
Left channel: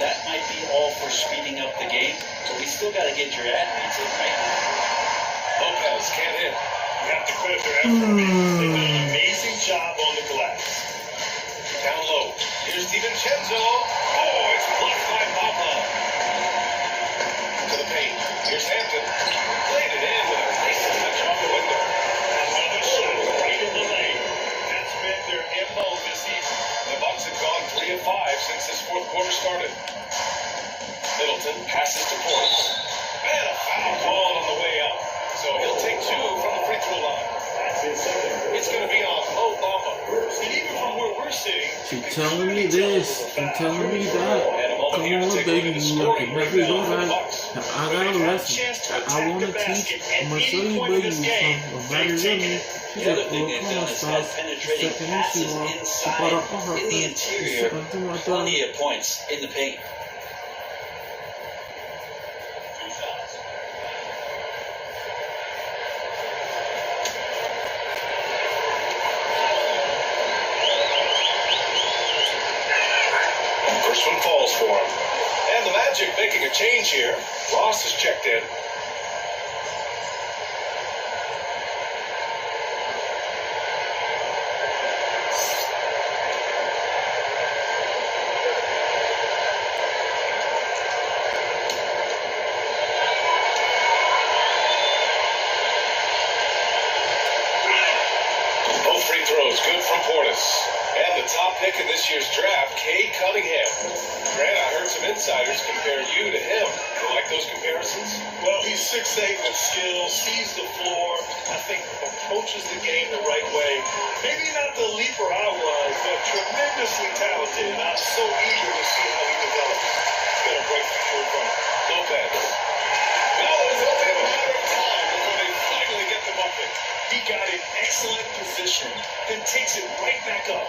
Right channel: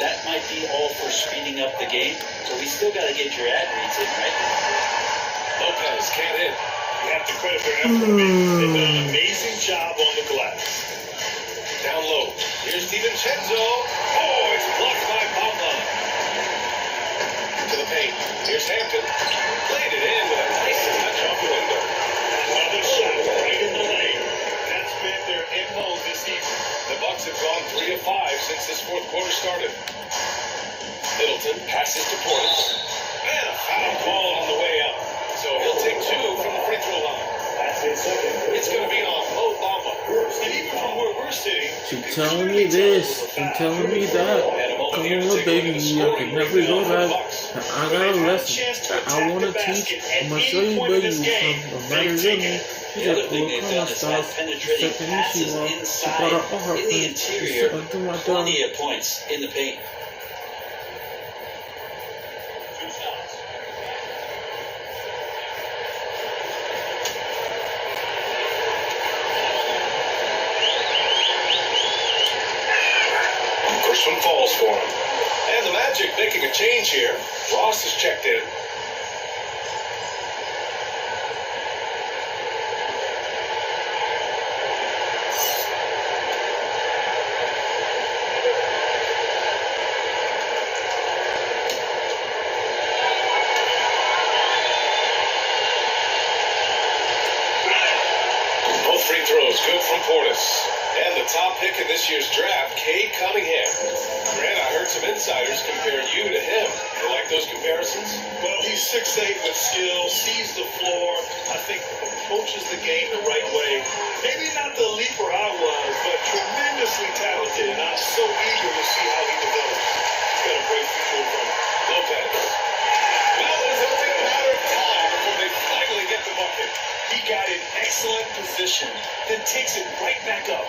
that might be all for speeding up the game. So we still got to get your ad reads in, right? Lopez can't hit. You have to credit their effort. They've done an amazing job on the glass. Down low. Here's DiVincenzo. Oh, it's blocked by Bamba. To the paint. Here's Hampton. Played it in with a nice touch off the window. Another shot right in the lane. That's been their MO this season. The Bucks have gone 3 of 5 since this fourth quarter started. Middleton passes to Portis. And a foul call on the way up. So he'll take 2 from the free throw line. It's going to be on Mo Bamba. And even from where we're sitting, She telling me this, she telling me that. Come on, baby, I can never go back. I got a lesson that I want to teach. I'm going to show you, baby, something. No matter what me. She The other said, thing well, they've come done on, is stop. had She penetrating said, can you see passes what? She inside, brought up her in the friend. She interior, said, do my dog. plenty of points in the paint. First one falls for him. And the Magic making a change here. Ross is checked in. Both free throws good from Portis. And the top pick in this year's draft, Cade Cunningham. Grant, I heard some insiders compare you to him. You like those comparisons? Well, he's 6'8" with skill, sees the floor, I think approaches the game the right way. Maybe not the leaper I was, but tremendously talented, and I'm so eager to see how he develops. He's got a great future in front of him. Lopez. Well, it's only a matter of time before they finally get the bucket. He got in excellent position, then takes it right back up.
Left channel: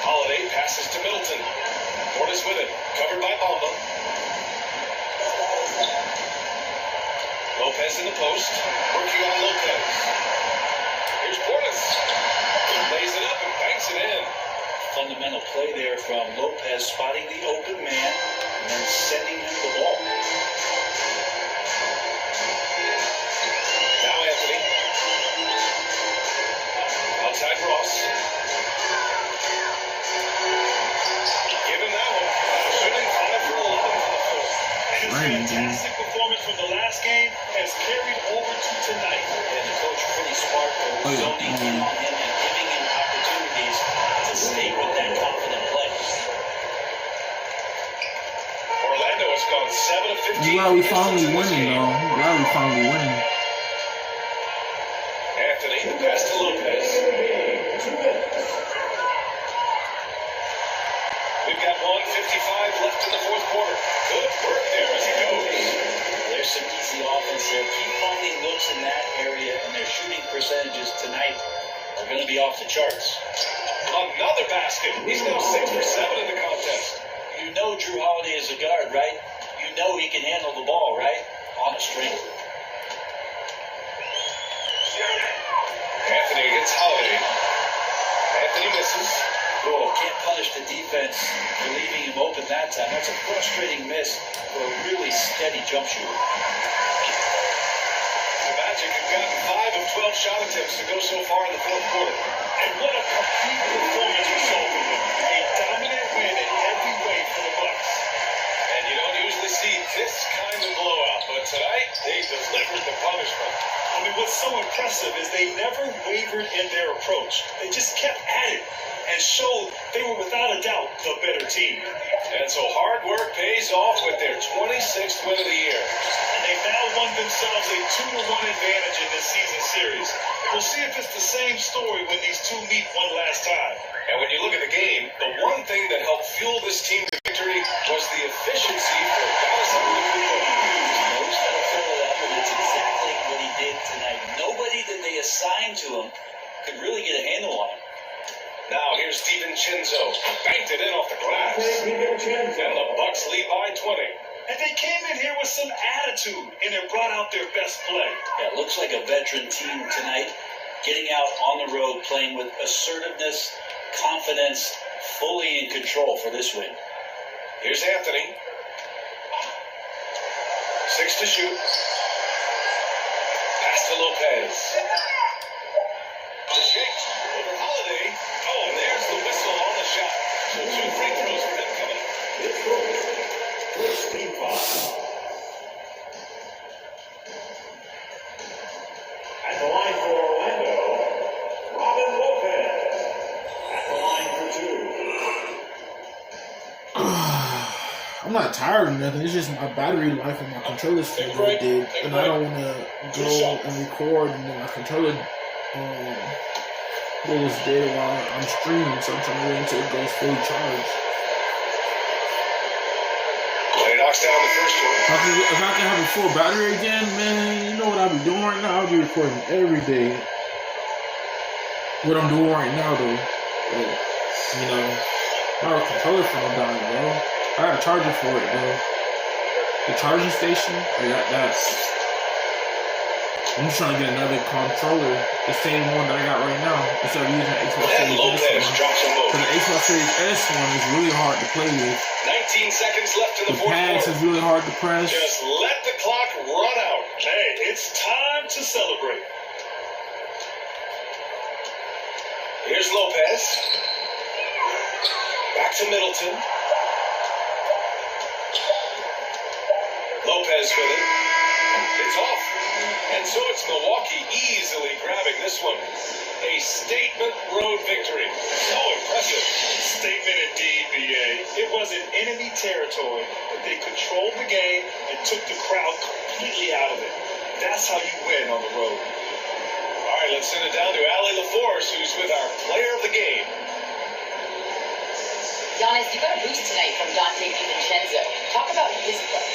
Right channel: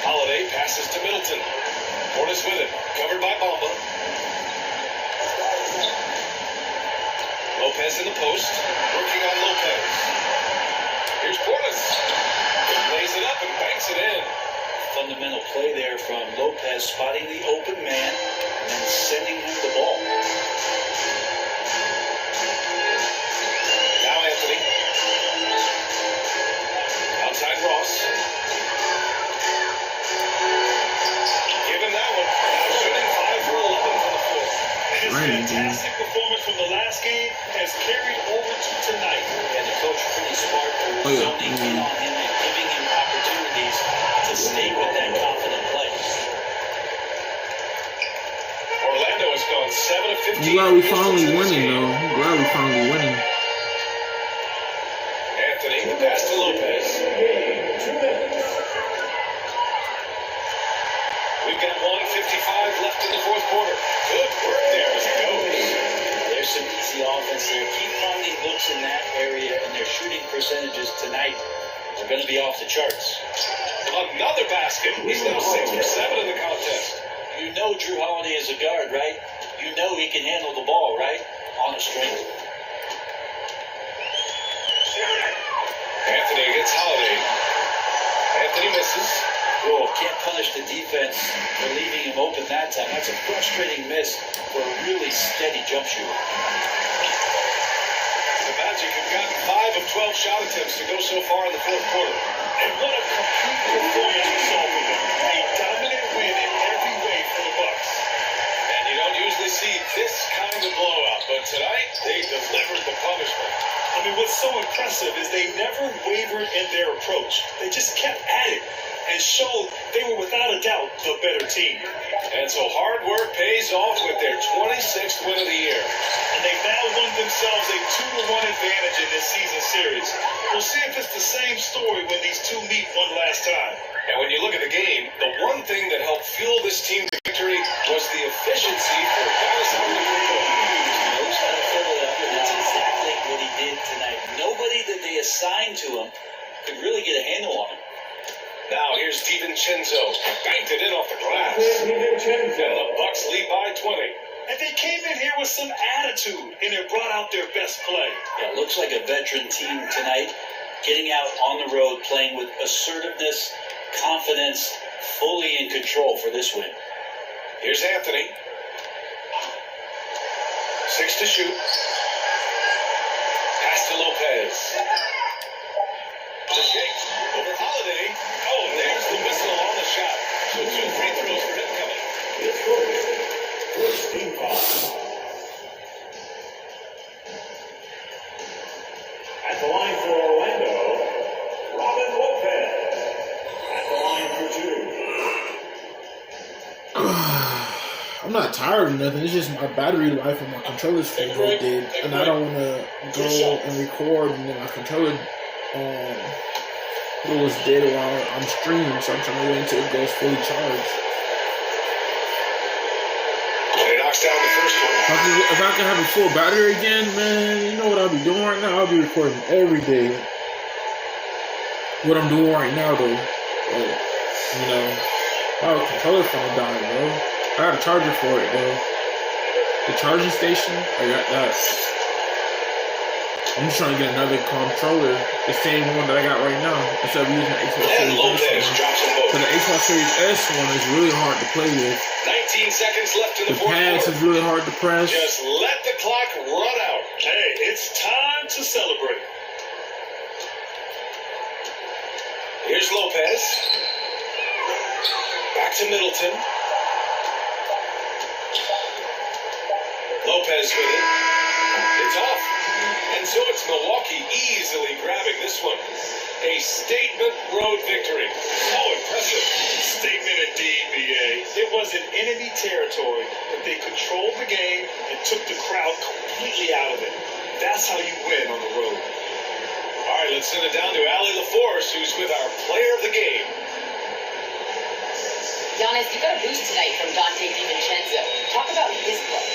Holiday passes to Middleton. Portis with it, covered by Bamba. Lopez in the post, working on Lopez. Here's Portis. Lays it up and banks it in. Fundamental play there from Lopez, spotting the open man and then sending him the ball. Now Anthony. Outside Ross. Give him that one. Shooting 5 for 11 from the floor. His fantastic performance from the last game has carried over to tonight. And the coach pretty smart for zoning in on him and giving him opportunities to stay with that confident play. Orlando has gone 7 of 15. I'm glad we finally winning, though. I'm glad we finally winning. Anthony, the pass to Lopez. We've got 1:55 left in the fourth quarter. Good work there as he goes. There's some easy offense there. Keep finding looks in that area, and their shooting percentages tonight are going to be off the charts. Another basket. He's now 6 for 7 in the contest. You know Drew Holiday is a guard, right? You know he can handle the ball, right? On a string. Anthony against Holiday. Anthony misses. Oh, can't punish the defense for leaving him open that time. That's a frustrating miss for a really steady jump shooter. The Magic have gotten 5 of 12 shot attempts to go so far in the fourth quarter. And what a complete performance we saw from them. A dominant win in every way for the Bucks. And you don't usually see this kind of blowout, but tonight they delivered the punishment. I mean, what's so impressive is they never wavered in their approach. They just kept at it and showed they were without a doubt the better team. And so hard work pays off with their 26th win of the year. And they've now won themselves a 2-1 advantage in this season series. We'll see if it's the same story when these two meet one last time. And when you look at the game, the one thing that helped fuel this team to victory was the efficiency for Giannis Antetokounmpo. Knows how to fill it up, and that's exactly what he did tonight. Nobody that they assigned to him could really get a handle on him. Now here's DiVincenzo. Banked it in off the glass. And the Bucks lead by 20. And they came in here with some attitude, and it brought out their best play. Yeah, it looks like a veteran team tonight, getting out on the road, playing with assertiveness, confidence, fully in control for this win. Here's Anthony. 6 to shoot. Pass to Lopez. The shake over Holiday. Oh, and there's the whistle on the shot. So 2 free throws for him coming. At the line for Orlando, Robin Lopez. At the line for 2. I'm not tired or nothing. It's just my battery life and my controller's feel really dead. And I don't want to go and record and then my controller goes dead while I'm streaming. So I'm trying to wait until it goes fully charged. And he knocks down the first one. If I can have a full battery again, man, you know what I'll be doing right now? I'll be recording every day. What I'm doing right now, though, you know, my controller's gonna die, bro. I got a charger for it, though. The charging station, I got that. I'm just trying to get another controller, the same one that I got right now, instead of using the Xbox And Series Lopez X. drops them both. So the Xbox Series S one is really hard to play with. 19 seconds left in The the fourth pads quarter. is really hard to press. Just let the clock run out. Hey, it's time to celebrate. Here's Lopez. Back to Middleton. Lopez with it. It's off. And so it's Milwaukee easily grabbing this one. A statement road victory. So impressive. Statement indeed, BA. It was in enemy territory, but they controlled the game and took the crowd completely out of it. That's how you win on the road. All right, let's send it down to Allie LaForce, who's with our player of the game. Giannis, you got a boost tonight from Dante DiVincenzo. Talk about his play.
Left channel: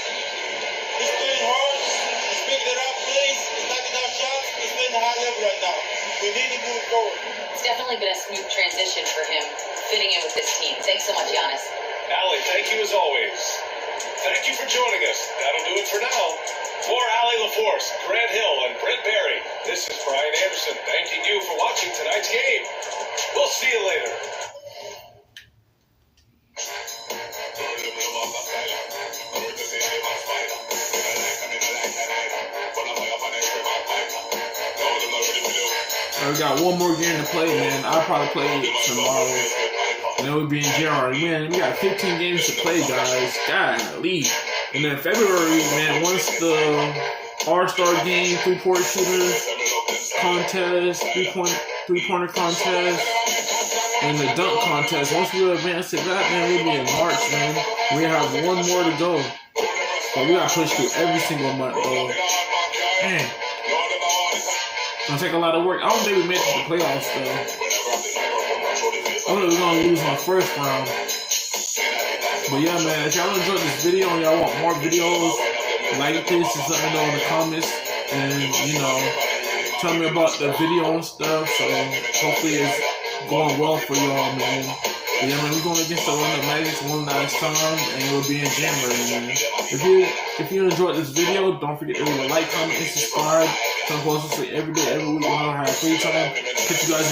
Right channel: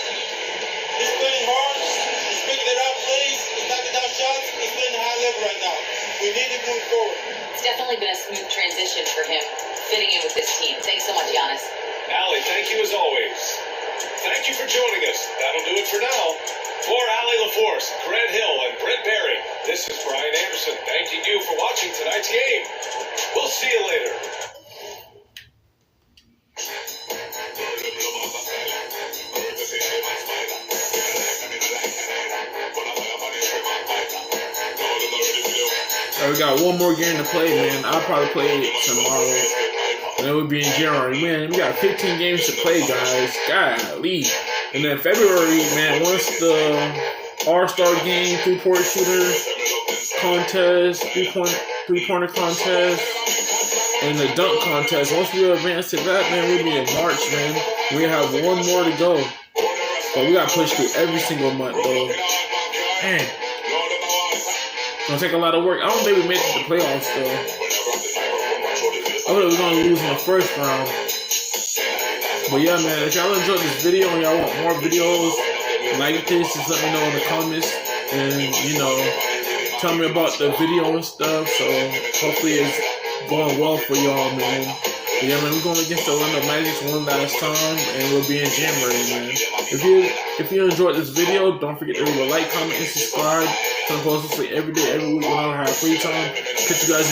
He's playing hard. He's picking it up plays. He's knocking down shots. He's playing a high level right now. We need to move forward. It's definitely been a smooth transition for him fitting in with this team. Thanks so much, Giannis. Allie, thank you as always. Thank you for joining us. That'll do it for now. For Allie LaForce, Grant Hill, and Brent Barry, this is Brian Anderson thanking you for watching tonight's game. We'll see you later. We got one more game to play, man. I'll probably play it tomorrow. And it would be in January. Man, we got 15 games to play, guys. Golly. And then February, man, once the All-Star game, three-point shooter contest, three-pointer contest, and the dunk contest, once we advance to that, man, we'll be in March, man. We have one more to go. But we got to push through every single month, though. Man. It's gonna take a lot of work. I don't think we made it to the playoffs, though. I thought we were gonna lose in the first round. But yeah, man, if y'all enjoyed this video and y'all want more videos like this, just let me know in the comments. And, you know, tell me about the video and stuff. So hopefully it's going well for y'all, man. But yeah, man, we're going against the Orlando Magic one last time, and we'll be in January, man. If you enjoyed this video, don't forget to leave a like, comment, and subscribe. So I'm posting every day, every week when I have free time. Catch you guys.